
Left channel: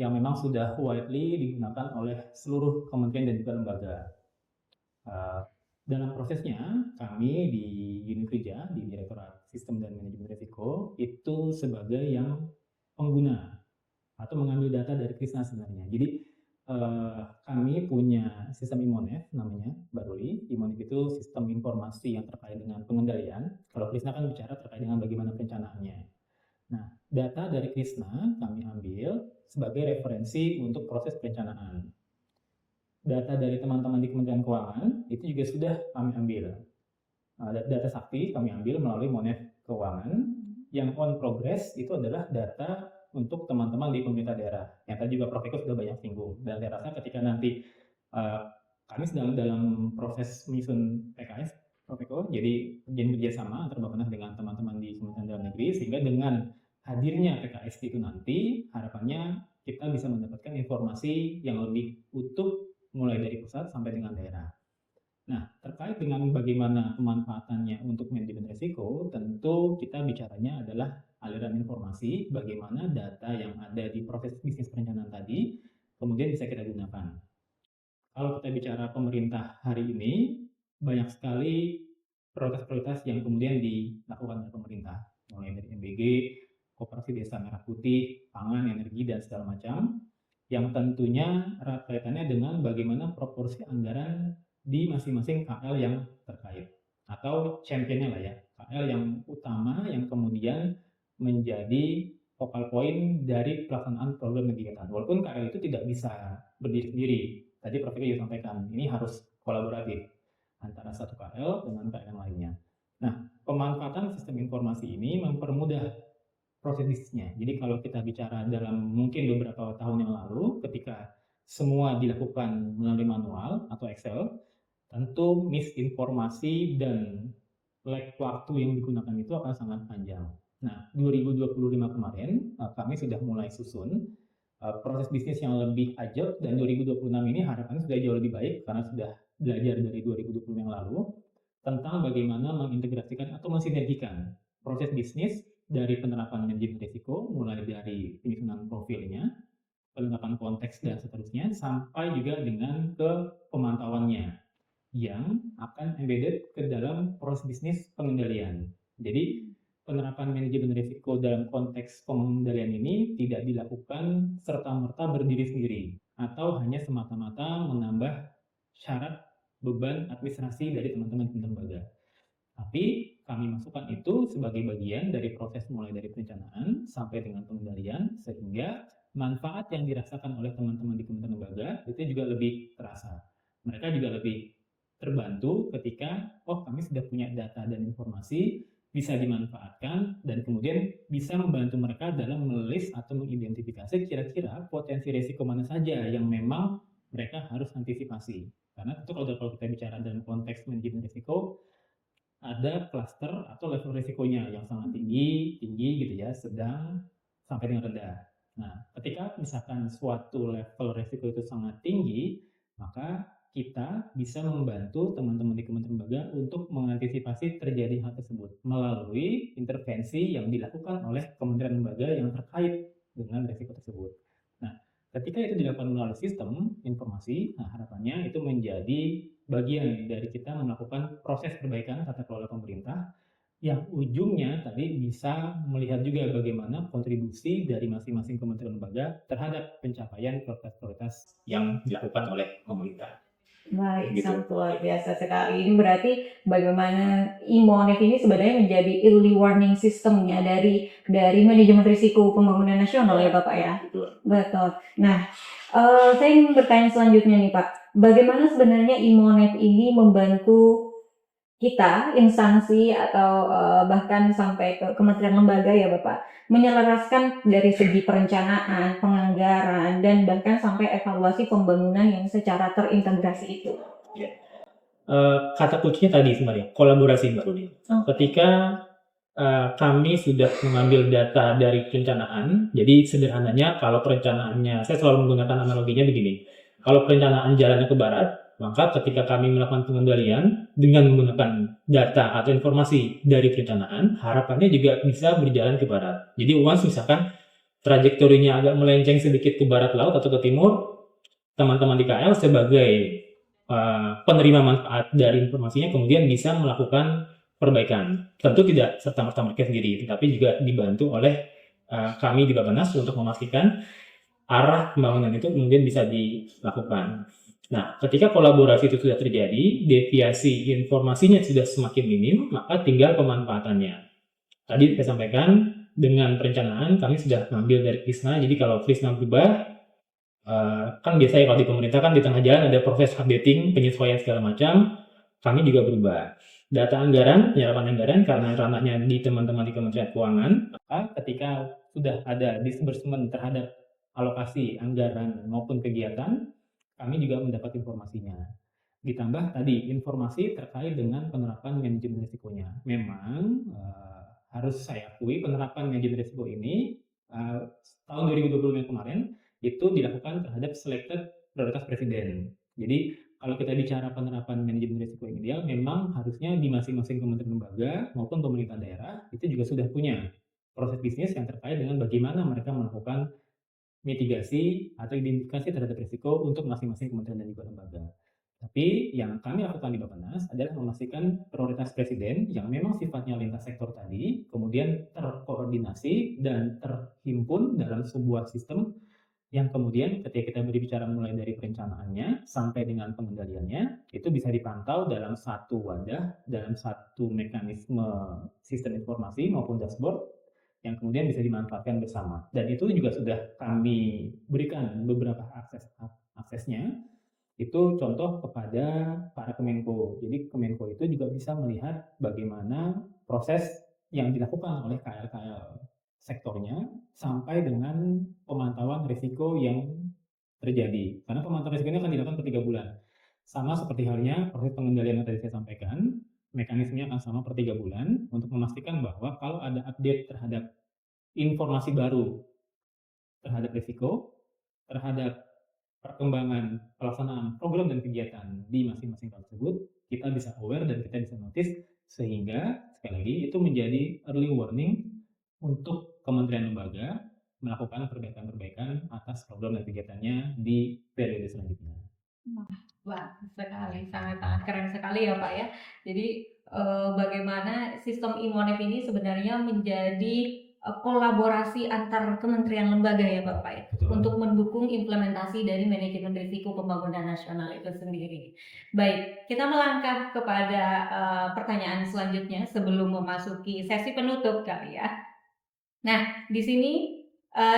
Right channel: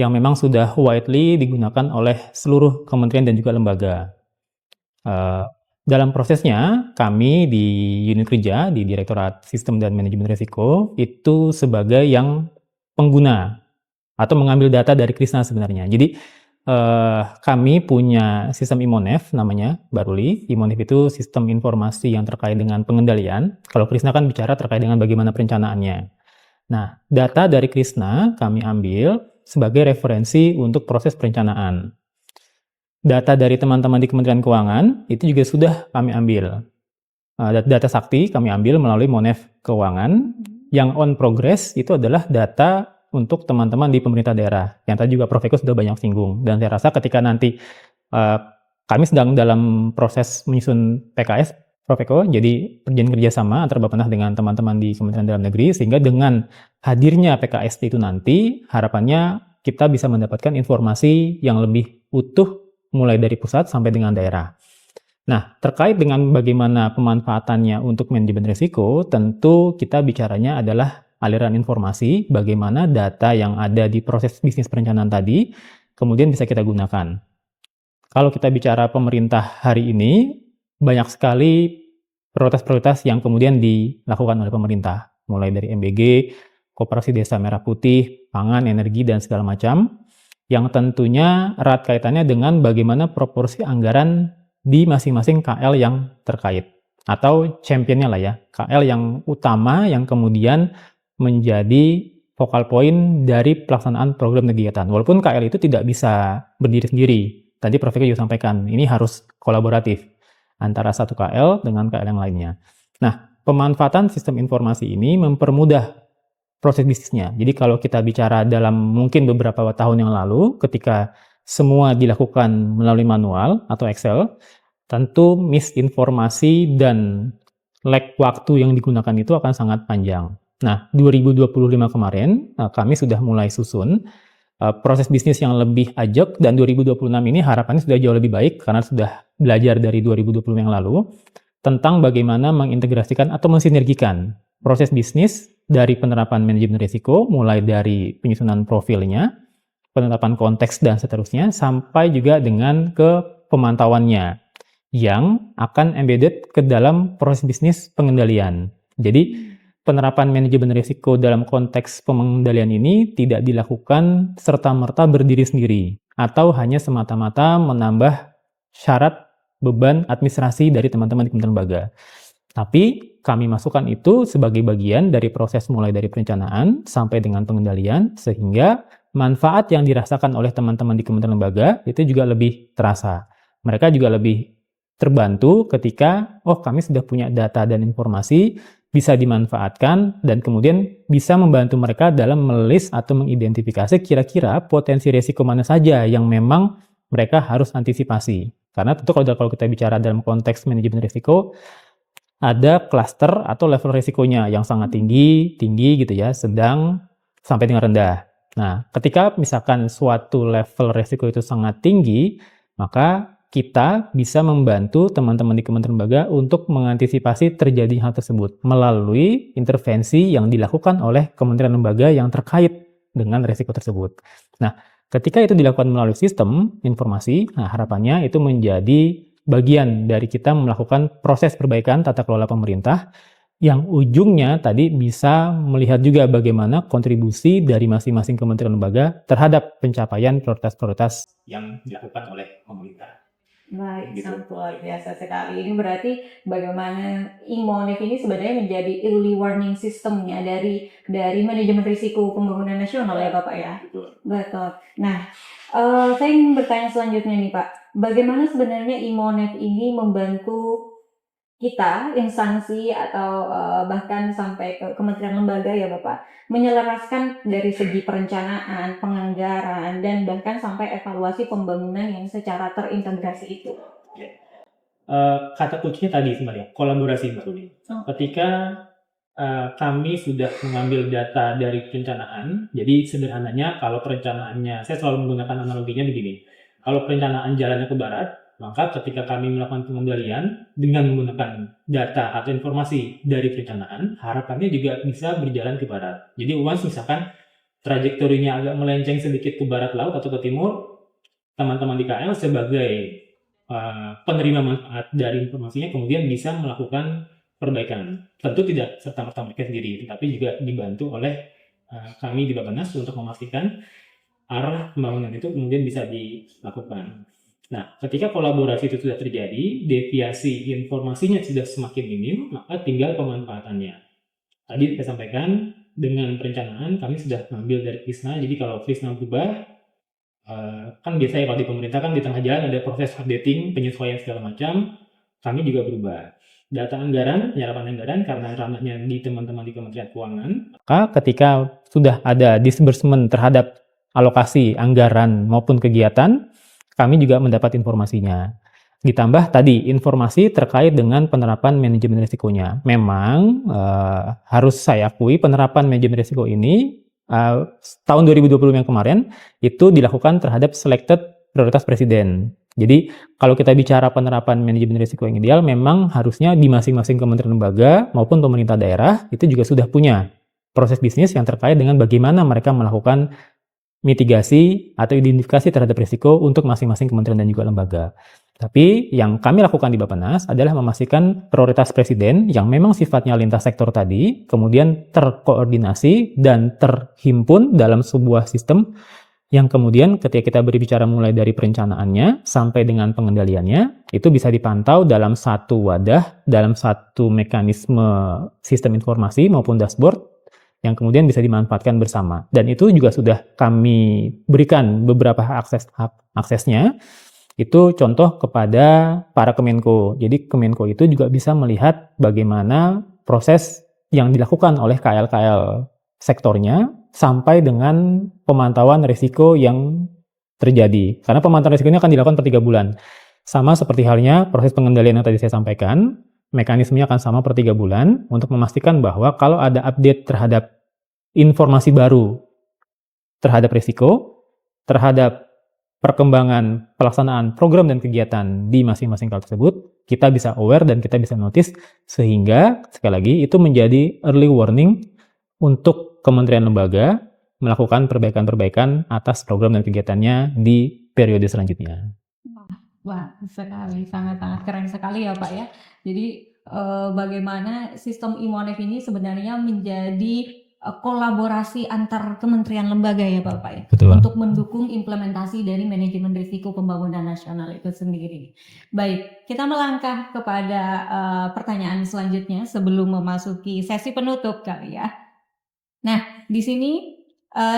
yang memang sudah widely digunakan oleh seluruh kementerian dan juga lembaga. Dalam prosesnya, kami di unit kerja, di Direktorat Sistem dan Manajemen Risiko, itu sebagai yang pengguna atau mengambil data dari Krishna sebenarnya. Jadi, kami punya sistem Imonef namanya, Mbak Ruli. Imonef itu sistem informasi yang terkait dengan pengendalian. Kalau Krishna kan bicara terkait dengan bagaimana perencanaannya. Nah, data dari Krishna kami ambil sebagai referensi untuk proses perencanaan. Data dari teman-teman di Kementerian Keuangan itu juga sudah kami ambil. Data sakti kami ambil melalui Monef Keuangan. Yang on progress itu adalah data untuk teman-teman di pemerintah daerah. Yang tadi juga Prof. Eko sudah banyak singgung. Dan saya rasa ketika nanti kami sedang dalam proses menyusun PKS, Prof. Eko, jadi perjanjian kerjasama antara Bappenas dengan teman-teman di Kementerian Dalam Negeri, sehingga dengan hadirnya PKS itu nanti, harapannya kita bisa mendapatkan informasi yang lebih utuh mulai dari pusat sampai dengan daerah. Nah, terkait dengan bagaimana pemanfaatannya untuk manajemen risiko, tentu kita bicaranya adalah aliran informasi, bagaimana data yang ada di proses bisnis perencanaan tadi, kemudian bisa kita gunakan. Kalau kita bicara pemerintah hari ini, banyak sekali prioritas-prioritas yang kemudian dilakukan oleh pemerintah, mulai dari MBG, Koperasi Desa Merah Putih, pangan, energi, dan segala macam, yang tentunya erat kaitannya dengan bagaimana proporsi anggaran di masing-masing KL yang terkait, atau championnya lah ya, KL yang utama yang kemudian menjadi focal point dari pelaksanaan program kegiatan. Walaupun KL itu tidak bisa berdiri sendiri. Tadi Prof. Eko juga sampaikan, ini harus kolaboratif antara satu KL dengan KL yang lainnya. Nah, pemanfaatan sistem informasi ini mempermudah proses bisnisnya. Jadi kalau kita bicara dalam mungkin beberapa tahun yang lalu, ketika semua dilakukan melalui manual atau Excel, tentu misinformasi dan lag waktu yang digunakan itu akan sangat panjang. Nah, 2025 kemarin kami sudah mulai susun proses bisnis yang lebih ajak, dan 2026 ini harapannya sudah jauh lebih baik karena sudah belajar dari 2020 yang lalu tentang bagaimana mengintegrasikan atau mensinergikan proses bisnis dari penerapan manajemen risiko, mulai dari penyusunan profilnya, penetapan konteks, dan seterusnya, sampai juga dengan ke pemantauannya yang akan embedded ke dalam proses bisnis pengendalian. Jadi, penerapan manajemen risiko dalam konteks pengendalian ini tidak dilakukan serta-merta berdiri sendiri, atau hanya semata-mata menambah syarat beban administrasi dari teman-teman di Kementerian Lembaga. Tapi kami masukkan itu sebagai bagian dari proses mulai dari perencanaan sampai dengan pengendalian, sehingga manfaat yang dirasakan oleh teman-teman di Kementerian Lembaga itu juga lebih terasa. Mereka juga lebih terbantu ketika, oh kami sudah punya data dan informasi, bisa dimanfaatkan, dan kemudian bisa membantu mereka dalam melis atau mengidentifikasi kira-kira potensi risiko mana saja yang memang mereka harus antisipasi. Karena tentu kalau kita bicara dalam konteks manajemen risiko, ada klaster atau level risikonya yang sangat tinggi gitu ya, sedang, sampai dengan rendah. Nah, ketika misalkan suatu level resiko itu sangat tinggi, maka kita bisa membantu teman-teman di Kementerian Lembaga untuk mengantisipasi terjadi hal tersebut melalui intervensi yang dilakukan oleh Kementerian Lembaga yang terkait dengan resiko tersebut. Nah, ketika itu dilakukan melalui sistem informasi, nah harapannya itu menjadi bagian dari kita melakukan proses perbaikan tata kelola pemerintah yang ujungnya tadi bisa melihat juga bagaimana kontribusi dari masing-masing kementerian lembaga terhadap pencapaian prioritas-prioritas yang dilakukan oleh pemerintah. Baik, Gitu. sangat luar biasa sekali. Ini berarti bagaimana e-Monef ini sebenarnya menjadi early warning systemnya dari manajemen risiko pembangunan nasional ya Bapak ya? Betul. Nah, saya ingin bertanya selanjutnya nih Pak. Bagaimana sebenarnya e-Monef ini membantu kita, instansi atau bahkan sampai ke kementerian lembaga ya Bapak, menyelaraskan dari segi perencanaan, penganggaran, dan bahkan sampai evaluasi pembangunan yang secara terintegrasi itu. Kata kuncinya tadi sebenarnya, kolaborasi Mbak Rudi. Ketika kami sudah mengambil data dari perencanaan, jadi sederhananya kalau perencanaannya, saya selalu menggunakan analoginya begini, kalau perencanaan jalannya ke barat, maka ketika kami melakukan pengendalian dengan menggunakan data atau informasi dari perencanaan, harapannya juga bisa berjalan ke barat. Jadi once misalkan trajektorinya agak melenceng sedikit ke barat laut atau ke timur, teman-teman di KL sebagai penerima manfaat dari informasinya kemudian bisa melakukan perbaikan. Tentu tidak serta-merta mereka sendiri, tetapi juga dibantu oleh kami di Bappenas untuk memastikan arah pembangunan itu kemudian bisa dilakukan. Nah, ketika kolaborasi itu sudah terjadi, deviasi informasinya sudah semakin minim, maka tinggal pemanfaatannya. Tadi saya sampaikan, dengan perencanaan kami sudah mengambil dari Krisna, jadi kalau Krisna berubah, kan biasanya kalau di pemerintah kan di tengah jalan ada proses updating, penyesuaian segala macam, kami juga berubah. Data anggaran, penyerapan anggaran karena ranahnya di teman-teman di Kementerian Keuangan, maka ketika sudah ada disbursement terhadap alokasi anggaran maupun kegiatan, kami juga mendapat informasinya. Ditambah tadi informasi terkait dengan penerapan manajemen risikonya. Memang harus saya akui penerapan manajemen risiko ini tahun 2020 yang kemarin itu dilakukan terhadap selected prioritas presiden. Jadi kalau kita bicara penerapan manajemen risiko yang ideal, memang harusnya di masing-masing kementerian lembaga maupun pemerintah daerah itu juga sudah punya proses bisnis yang terkait dengan bagaimana mereka melakukan mitigasi atau identifikasi terhadap risiko untuk masing-masing kementerian dan juga lembaga. Tapi yang kami lakukan di Bappenas adalah memastikan prioritas presiden yang memang sifatnya lintas sektor tadi, kemudian terkoordinasi dan terhimpun dalam sebuah sistem yang kemudian ketika kita berbicara mulai dari perencanaannya sampai dengan pengendaliannya, itu bisa dipantau dalam satu wadah, dalam satu mekanisme sistem informasi maupun dashboard, yang kemudian bisa dimanfaatkan bersama. Dan itu juga sudah kami berikan beberapa aksesnya, itu contoh kepada para Kemenko. Jadi Kemenko itu juga bisa melihat bagaimana proses yang dilakukan oleh KL-KL sektornya sampai dengan pemantauan risiko yang terjadi. Karena pemantauan risiko ini akan dilakukan per 3 bulan. Sama seperti halnya proses pengendalian yang tadi saya sampaikan, mekanismenya akan sama per 3 bulan untuk memastikan bahwa kalau ada update terhadap informasi baru terhadap risiko, terhadap perkembangan pelaksanaan program dan kegiatan di masing-masing KL tersebut, kita bisa aware dan kita bisa notice sehingga sekali lagi itu menjadi early warning untuk kementerian lembaga melakukan perbaikan-perbaikan atas program dan kegiatannya di periode selanjutnya. Wah, sekali, sangat-sangat keren sekali ya Pak ya. Jadi bagaimana sistem e-Monef ini sebenarnya menjadi kolaborasi antar kementerian lembaga ya Bapak ya. Betul. Untuk mendukung implementasi dari manajemen risiko pembangunan nasional itu sendiri. Baik, kita melangkah kepada pertanyaan selanjutnya sebelum memasuki sesi penutup kali ya. Nah, di sini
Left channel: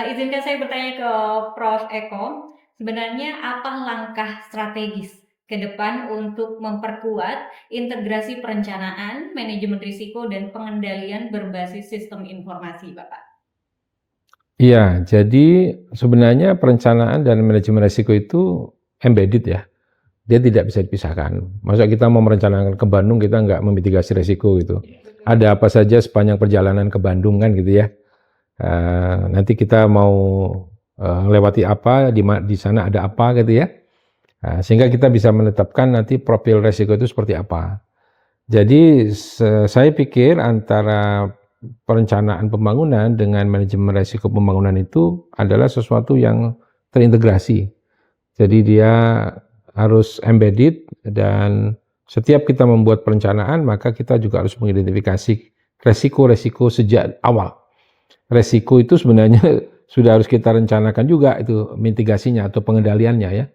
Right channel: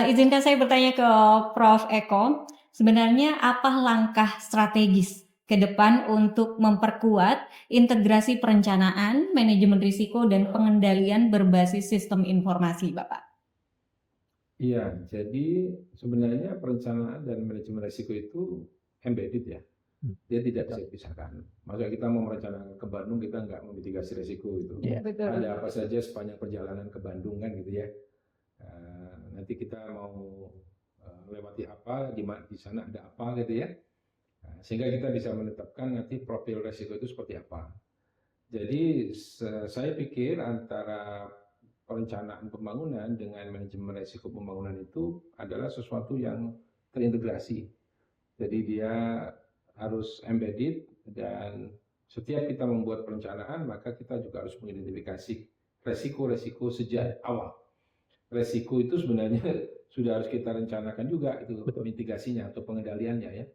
izinkan saya bertanya ke Prof. Eko, sebenarnya apa langkah strategis ke depan untuk memperkuat integrasi perencanaan, manajemen risiko, dan pengendalian berbasis sistem informasi, Bapak? Iya, jadi sebenarnya perencanaan dan manajemen risiko itu embedded ya. Dia tidak bisa dipisahkan. Masa kita mau merencanakan ke Bandung, kita nggak memitigasi risiko gitu. Yeah. Ada apa saja sepanjang perjalanan ke Bandung kan gitu ya. Nanti kita mau lewati apa, di sana ada apa gitu ya. Sehingga kita bisa menetapkan nanti profil resiko itu seperti apa. Jadi saya pikir antara perencanaan pembangunan dengan manajemen resiko pembangunan itu adalah sesuatu yang terintegrasi. Jadi dia harus embedded dan setiap kita membuat perencanaan maka kita juga harus mengidentifikasi resiko-resiko sejak awal. Resiko itu sebenarnya sudah harus kita rencanakan juga itu mitigasinya atau pengendaliannya ya.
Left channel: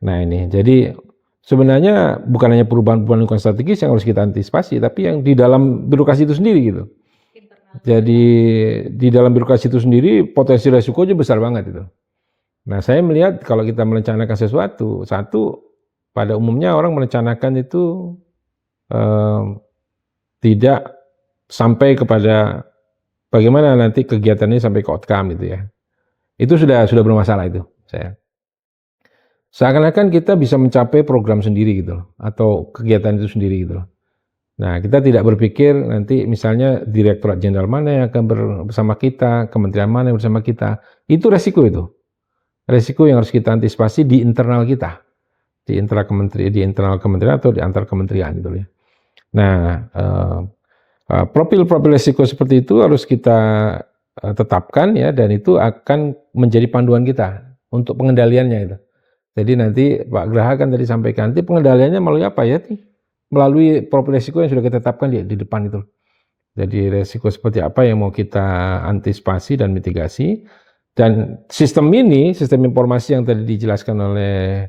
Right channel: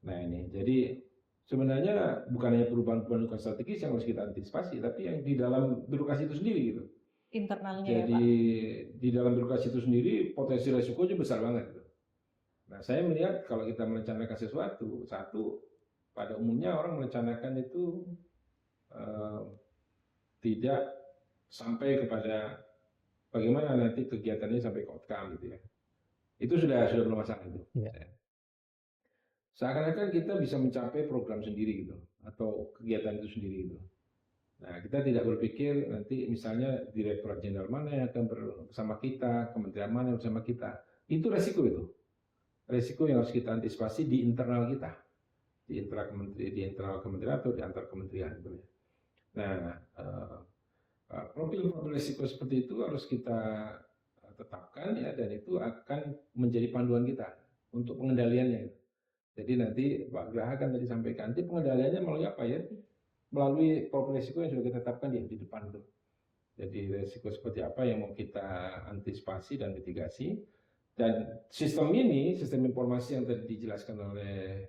Nah ini, jadi sebenarnya bukan hanya perubahan-perubahan lingkungan strategis yang harus kita antisipasi, tapi yang di dalam birokrasi itu sendiri gitu. Internalnya. Jadi di dalam birokrasi itu sendiri potensi resikonya besar banget itu. Nah saya melihat kalau kita merencanakan sesuatu, satu pada umumnya orang merencanakan itu tidak sampai kepada bagaimana nanti kegiatannya sampai ke outcome gitu ya. Itu sudah bermasalah itu. Saya. Seakan-akan kita bisa mencapai program sendiri gitu loh, atau kegiatan itu sendiri gitu loh. Nah, kita tidak berpikir nanti misalnya Direktorat Jenderal mana yang akan bersama kita, kementerian mana yang bersama kita. Itu resiko itu. Resiko yang harus kita antisipasi di internal kita. Di internal kementerian atau di antar kementerian gitu ya. Nah, profil-profil resiko seperti itu harus kita tetapkan ya, dan itu akan menjadi panduan kita untuk pengendaliannya itu. Jadi nanti Pak Graha kan tadi sampaikan, nanti pengendaliannya melalui apa ya? Melalui profil resiko yang sudah kita tetapkan di depan itu. Jadi resiko seperti apa yang mau kita antisipasi dan mitigasi. Dan sistem ini, sistem informasi yang tadi dijelaskan oleh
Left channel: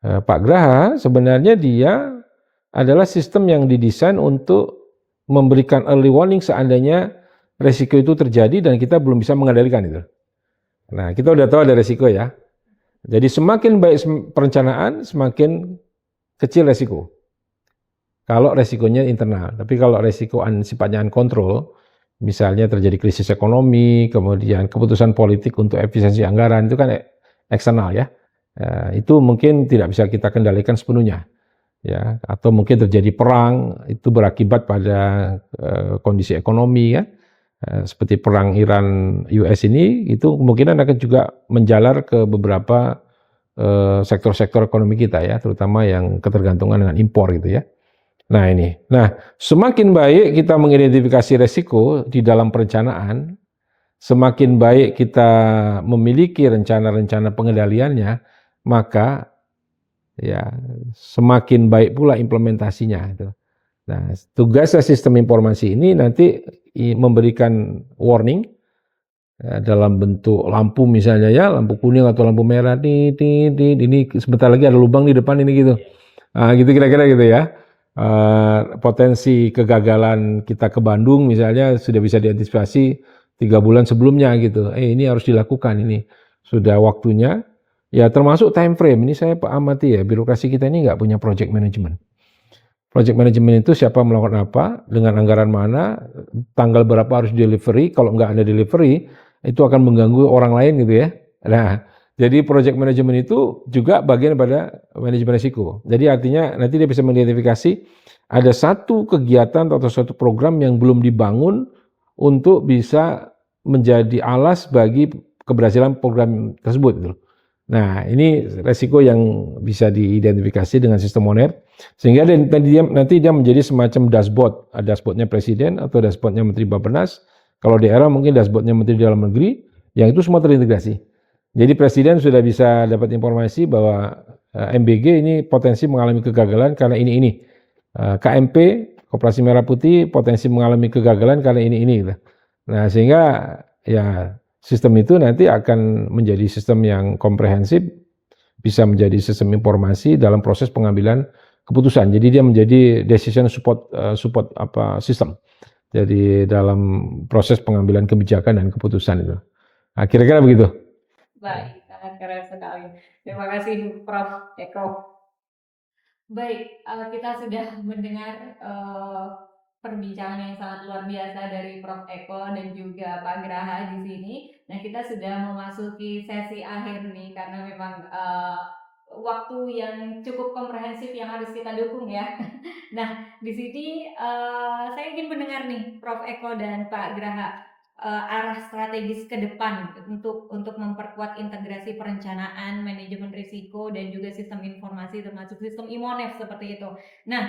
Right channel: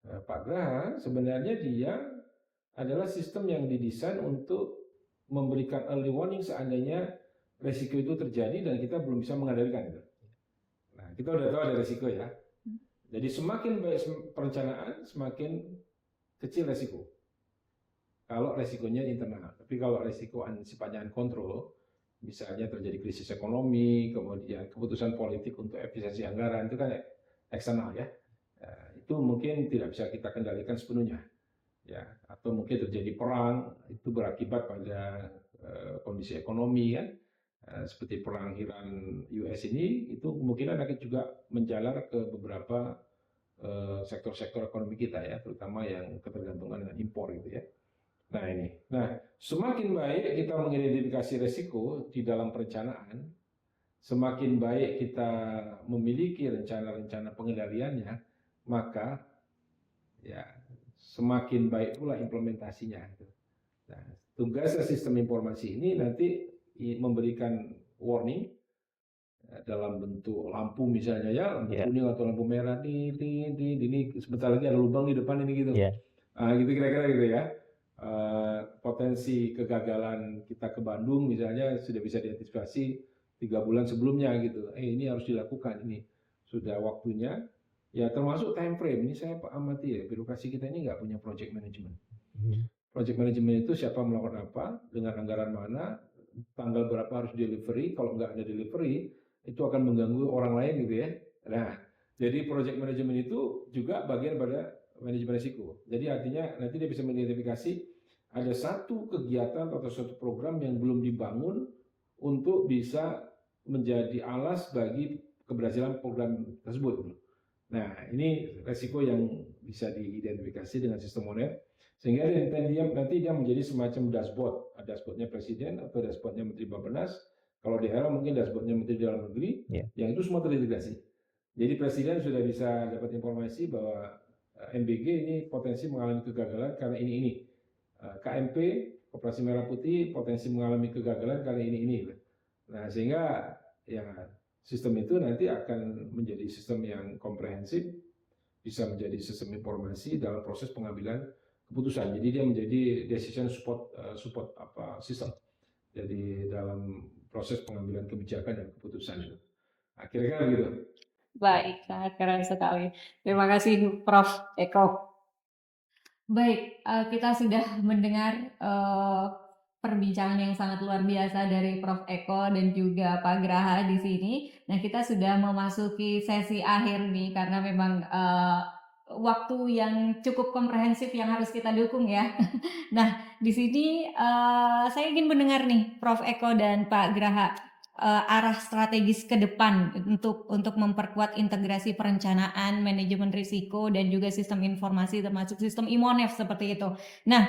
Pak Graha, sebenarnya dia adalah sistem yang didesain untuk memberikan early warning seandainya resiko itu terjadi dan kita belum bisa mengendalikan itu. Nah, kita udah tahu ada resiko ya. Jadi semakin baik perencanaan, semakin kecil resiko. Kalau resikonya internal. Tapi kalau resiko sifatnya uncontrol, misalnya terjadi krisis ekonomi, kemudian keputusan politik untuk efisiensi anggaran, itu kan eksternal ya. Itu mungkin tidak bisa kita kendalikan sepenuhnya. Ya, atau mungkin terjadi perang, itu berakibat pada kondisi ekonomi ya. Seperti perang Iran-US ini, itu kemungkinan akan juga menjalar ke beberapa sektor-sektor ekonomi kita ya, terutama yang ketergantungan dengan impor gitu ya. Nah ini, semakin baik kita mengidentifikasi resiko di dalam perencanaan, semakin baik kita memiliki rencana-rencana pengendaliannya, maka ya semakin baik pula implementasinya. Nah, tugasnya sistem informasi ini nanti memberikan warning dalam bentuk lampu misalnya ya, lampu kuning atau lampu merah, ini sebentar lagi ada lubang di depan ini gitu. Gitu kira-kira gitu ya. Potensi kegagalan kita ke Bandung misalnya sudah bisa diantisipasi 3 bulan sebelumnya gitu. Ini harus dilakukan, ini sudah waktunya. Ya termasuk time frame, ini saya amati ya, birokrasi kita ini nggak punya project management. Project management itu siapa melakukan apa, dengan anggaran mana, tanggal berapa harus delivery, kalau nggak ada delivery, itu akan mengganggu orang lain gitu ya. Nah, jadi project management itu juga bagian pada manajemen risiko. Jadi artinya nanti dia bisa mengidentifikasi ada satu kegiatan atau satu program yang belum dibangun untuk bisa menjadi alas bagi keberhasilan program tersebut gitu. Nah, ini resiko yang bisa diidentifikasi dengan sistem Monet, sehingga nanti dia menjadi semacam dashboard. Dashboardnya Presiden atau dashboardnya Menteri Bappenas. Kalau di era mungkin dashboardnya Menteri Dalam Negeri, yang itu semua terintegrasi. Jadi Presiden sudah bisa dapat informasi bahwa MBG ini potensi mengalami kegagalan karena ini. KMP, Koperasi Merah Putih, potensi mengalami kegagalan karena ini. Nah, sehingga ya sistem itu nanti akan menjadi sistem yang komprehensif, bisa menjadi sistem informasi dalam proses pengambilan keputusan. Jadi dia menjadi decision support system. Jadi dalam proses pengambilan kebijakan dan keputusan itu. Nah, kira-kira begitu. Baik, sangat keren sekali. Terima kasih Prof. Eko. Baik, kita sudah mendengar perbincangan yang sangat luar biasa dari Prof. Eko dan juga Pak Graha di sini. Nah, kita sudah memasuki sesi akhir nih karena memang waktu yang cukup komprehensif yang harus kita dukung ya. Nah, di sini saya ingin mendengar nih Prof. Eko dan Pak Graha. arah strategis ke depan untuk memperkuat integrasi perencanaan, manajemen risiko, dan juga sistem informasi termasuk sistem IMONEF seperti itu. Nah,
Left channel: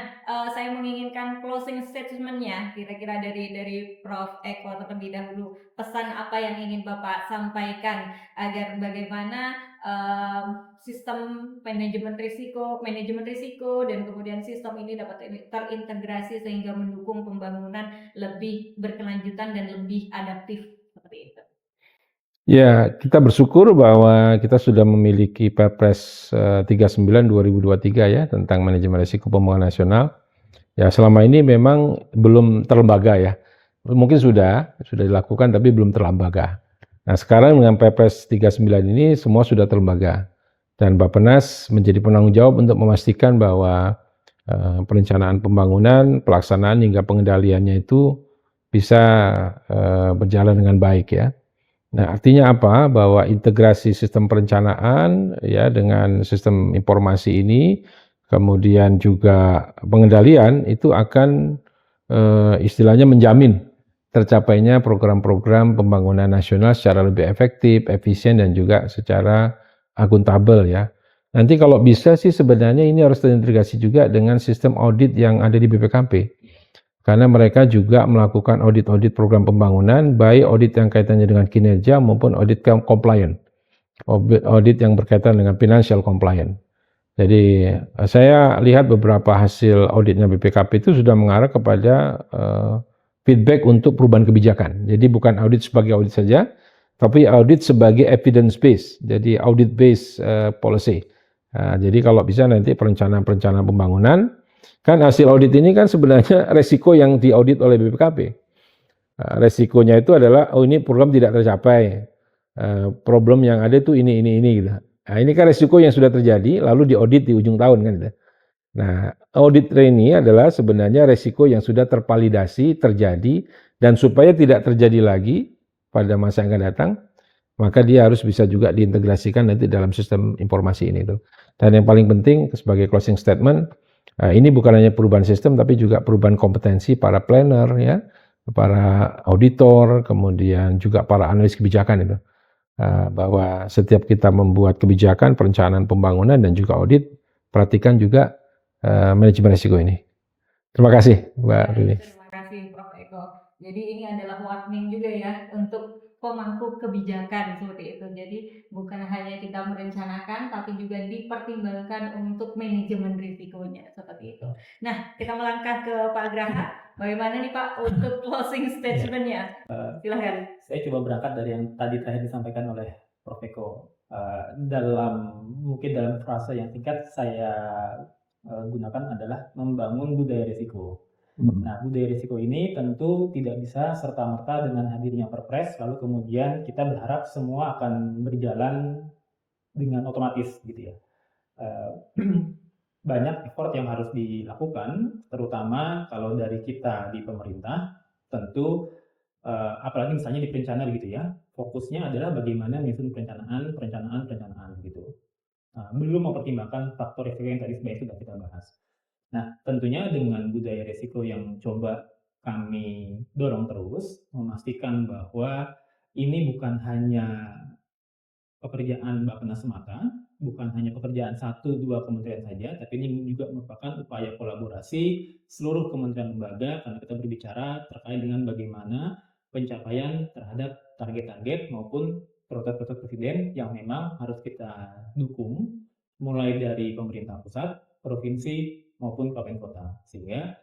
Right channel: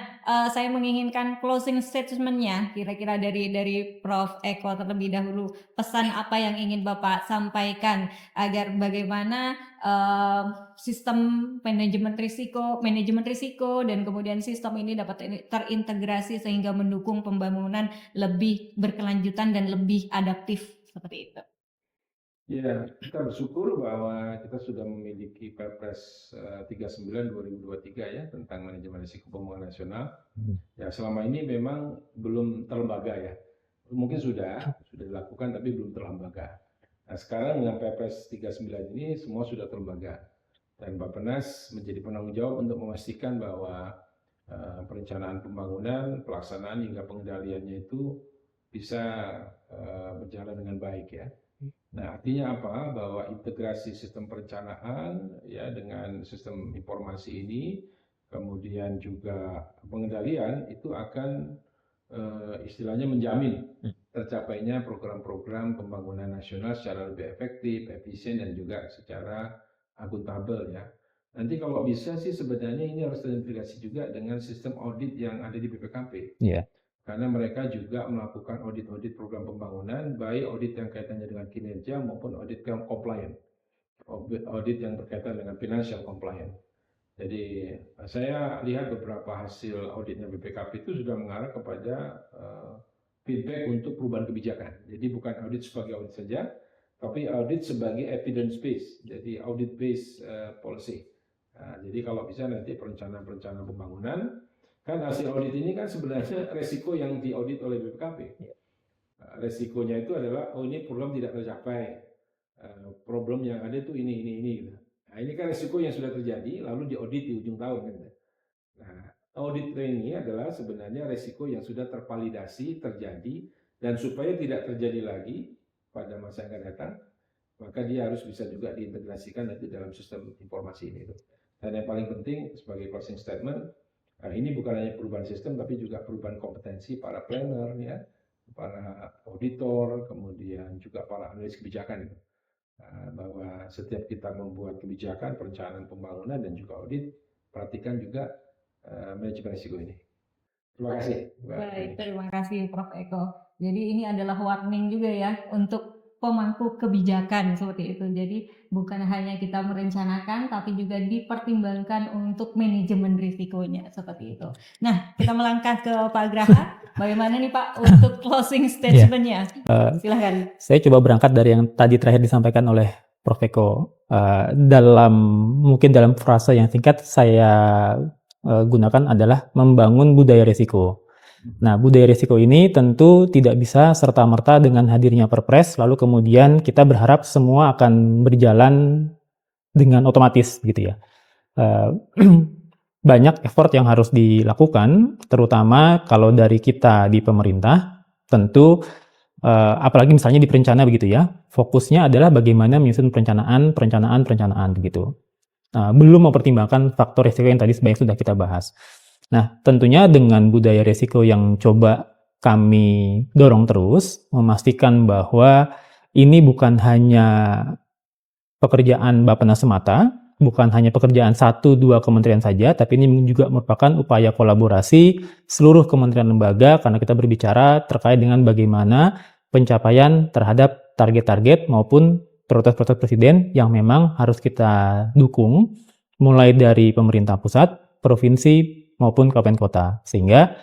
saya menginginkan closing statement-nya kira-kira dari Prof. Eko terlebih dahulu. Pesan apa yang ingin Bapak sampaikan agar bagaimana sistem manajemen risiko dan kemudian sistem ini dapat terintegrasi sehingga mendukung pembangunan lebih berkelanjutan dan lebih adaptif seperti itu. Ya, kita bersyukur bahwa kita sudah memiliki Perpres 39 2023 ya tentang manajemen risiko pembangunan nasional. Ya, selama ini memang belum terlembaga ya. Mungkin sudah dilakukan tapi belum terlembaga. Nah, sekarang dengan Perpres 39 ini semua sudah terlembaga. Dan Bappenas menjadi penanggung jawab untuk memastikan bahwa perencanaan pembangunan, pelaksanaan hingga pengendaliannya itu bisa berjalan dengan baik ya. Nah, artinya apa? Bahwa integrasi sistem perencanaan ya dengan sistem informasi ini, kemudian juga pengendalian itu akan istilahnya menjamin tercapainya program-program pembangunan nasional secara lebih efektif, efisien dan juga secara akuntabel ya. Nanti kalau bisa sih sebenarnya ini harus terintegrasi juga dengan sistem audit yang ada di BPKP. Iya. Karena mereka juga melakukan audit-audit program pembangunan, baik audit yang kaitannya dengan kinerja maupun audit compliant, audit yang berkaitan dengan financial compliant. Jadi saya lihat beberapa hasil auditnya BPKP itu sudah mengarah kepada feedback untuk perubahan kebijakan. Jadi bukan audit sebagai audit saja, tapi audit sebagai evidence based, jadi audit based policy. Nah, jadi kalau bisa nanti perencanaan pembangunan, kan hasil audit ini kan sebenarnya resiko yang diaudit oleh BPKP. Resikonya itu adalah, oh ini program tidak tercapai, problem yang ada itu ini gitu. Nah, ini kan resiko yang sudah terjadi, lalu diaudit di ujung tahun kan gitu. Nah, audit ini adalah sebenarnya resiko yang sudah tervalidasi, terjadi, dan supaya tidak terjadi lagi pada masa yang akan datang, maka dia harus bisa juga diintegrasikan nanti dalam sistem informasi ini tuh. Dan yang paling penting sebagai closing statement, ini bukan hanya perubahan sistem tapi juga perubahan kompetensi para planner ya, para auditor, kemudian juga para analis kebijakan itu. Bahwa setiap kita membuat kebijakan, perencanaan pembangunan dan juga audit, perhatikan juga manajemen risiko ini. Terima kasih, Mbak Rini. Terima kasih, Prof. Eko. Jadi ini adalah warning juga ya untuk pemangku kebijakan seperti itu. Jadi bukan hanya kita merencanakan, tapi juga dipertimbangkan untuk manajemen risikonya seperti itu. Nah, kita melangkah ke Pak Graha. Bagaimana nih Pak untuk closing statement-nya? Silakan. Saya coba berangkat dari yang tadi terakhir disampaikan oleh Prof. Eko. Mungkin dalam frasa yang singkat saya gunakan adalah membangun budaya risiko. Nah, budaya risiko ini tentu tidak bisa serta-merta dengan hadirnya Perpres, lalu kemudian kita berharap semua akan berjalan dengan otomatis gitu ya. Banyak effort yang harus dilakukan, terutama kalau dari kita di pemerintah, tentu apalagi misalnya di perencana begitu ya, fokusnya adalah bagaimana menyusun perencanaan begitu. Belum mempertimbangkan faktor risiko yang tadi sebanyak sudah kita bahas. Nah, tentunya dengan budaya risiko yang coba kami dorong terus, memastikan bahwa ini bukan hanya pekerjaan Bappenas semata, bukan hanya pekerjaan 1-2 kementerian saja, tapi ini juga merupakan upaya kolaborasi seluruh kementerian lembaga karena kita berbicara terkait dengan bagaimana pencapaian terhadap target-target maupun prioritas-prioritas presiden yang memang harus kita dukung, mulai dari pemerintah pusat, provinsi, maupun kabupaten kota. Sehingga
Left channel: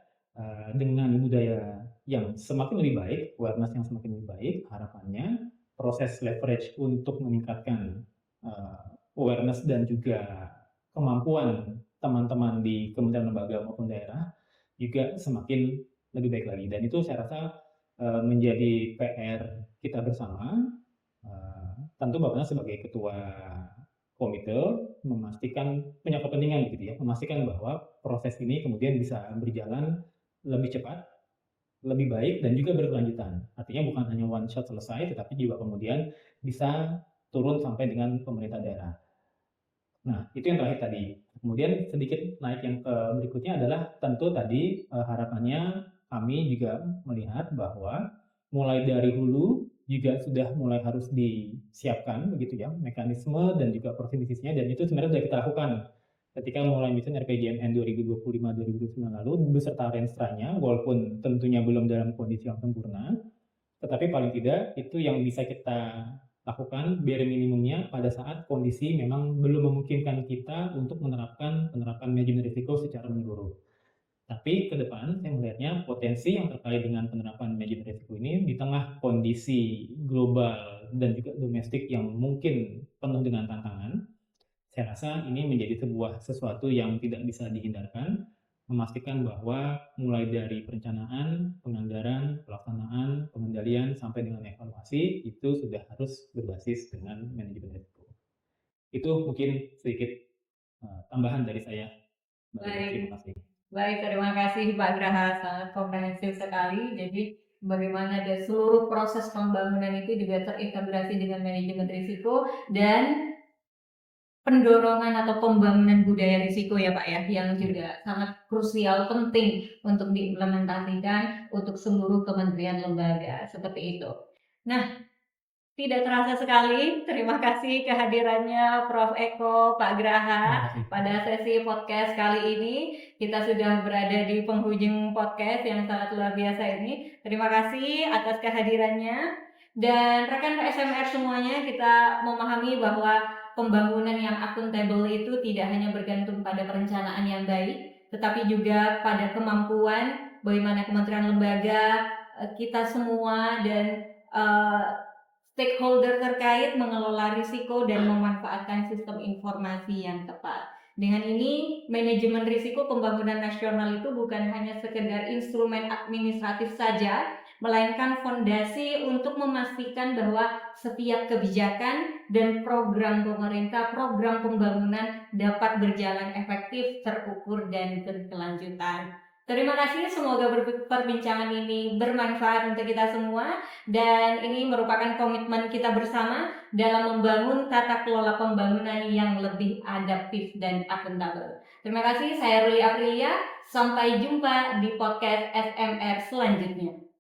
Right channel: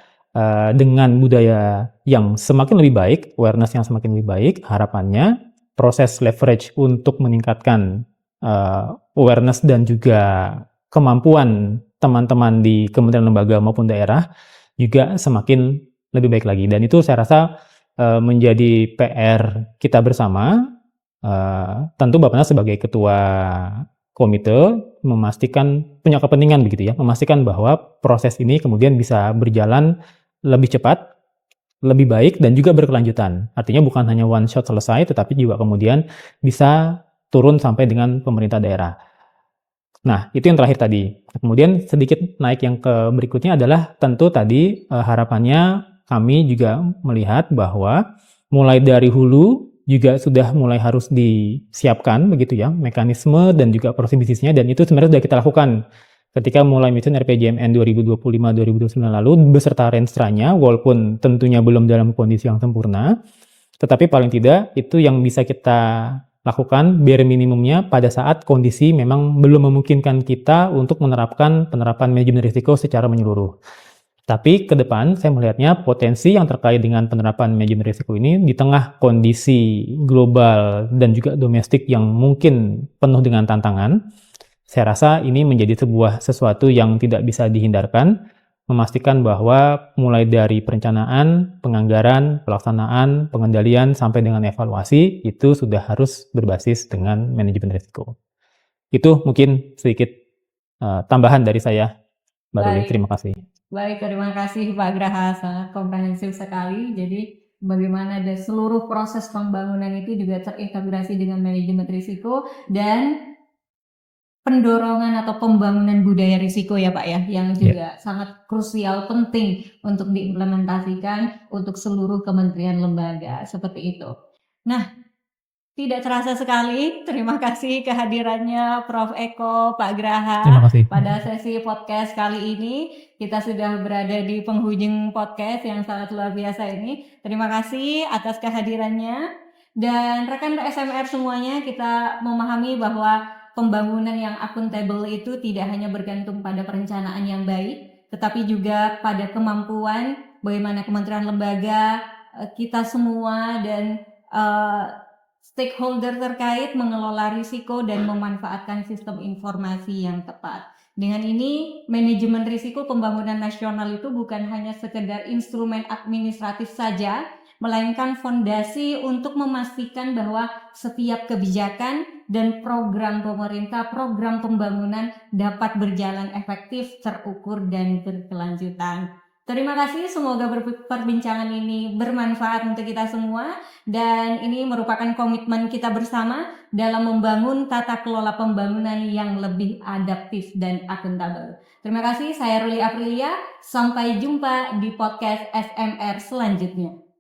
dengan budaya yang semakin lebih baik, awareness yang semakin lebih baik, harapannya proses leverage untuk meningkatkan awareness dan juga kemampuan teman-teman di kementerian lembaga maupun daerah juga semakin lebih baik lagi. Dan itu saya rasa menjadi PR kita bersama. Tentu Bappenas sebagai ketua komite memastikan punya kepentingan begitu ya, memastikan bahwa proses ini kemudian bisa berjalan lebih cepat, lebih baik dan juga berkelanjutan. Artinya bukan hanya one shot selesai, tetapi juga kemudian bisa turun sampai dengan pemerintah daerah. Nah, itu yang terakhir tadi. Kemudian sedikit naik yang ke berikutnya adalah tentu tadi harapannya kami juga melihat bahwa mulai dari hulu juga sudah mulai harus disiapkan begitu ya, mekanisme dan juga proses bisnisnya, dan itu sebenarnya sudah kita lakukan ketika mulai menyusun RPJMN 2025-2029 lalu beserta renstra-nya, walaupun tentunya belum dalam kondisi yang sempurna, tetapi paling tidak itu yang bisa kita lakukan bare minimumnya pada saat kondisi memang belum memungkinkan kita untuk menerapkan penerapan manajemen risiko secara menyeluruh. Tapi ke depan saya melihatnya potensi yang terkait dengan penerapan manajemen risiko ini di tengah kondisi global dan juga domestik yang mungkin penuh dengan tantangan, saya rasa ini menjadi sesuatu yang tidak bisa dihindarkan, memastikan bahwa mulai dari perencanaan, penganggaran, pelaksanaan, pengendalian, sampai dengan evaluasi, itu sudah harus berbasis dengan manajemen risiko. Itu mungkin sedikit tambahan dari saya, Mbak Ruli. Terima kasih. Baik, terima kasih Pak Graha, sangat komprehensif sekali. Jadi bagaimana dari seluruh proses pembangunan itu juga terintegrasi dengan manajemen risiko dan pendorongan atau pembangunan budaya risiko ya Pak ya, yang juga sangat krusial penting untuk diimplementasikan untuk seluruh kementerian lembaga seperti itu. Nah, tidak terasa sekali, terima kasih kehadirannya Prof. Eko, Pak Graha Terima kasih. pada sesi podcast kali ini. Kita sudah berada di penghujung podcast yang sangat luar biasa ini. Terima kasih atas kehadirannya. Dan rekan SMR semuanya, kita memahami bahwa pembangunan yang akuntabel itu tidak hanya bergantung pada perencanaan yang baik, tetapi juga pada kemampuan bagaimana kementerian lembaga, kita semua dan stakeholder terkait mengelola risiko dan memanfaatkan sistem informasi yang tepat. Dengan ini, manajemen risiko pembangunan nasional itu bukan hanya sekedar instrumen administratif saja, melainkan fondasi untuk memastikan bahwa setiap kebijakan dan program pemerintah, program pembangunan dapat berjalan efektif, terukur, dan berkelanjutan. Terima kasih, semoga perbincangan ini bermanfaat untuk kita semua dan ini merupakan komitmen kita bersama dalam membangun tata kelola pembangunan yang lebih adaptif dan akuntabel. Terima kasih, saya Ruli Aprilia. Sampai jumpa di podcast SMR selanjutnya.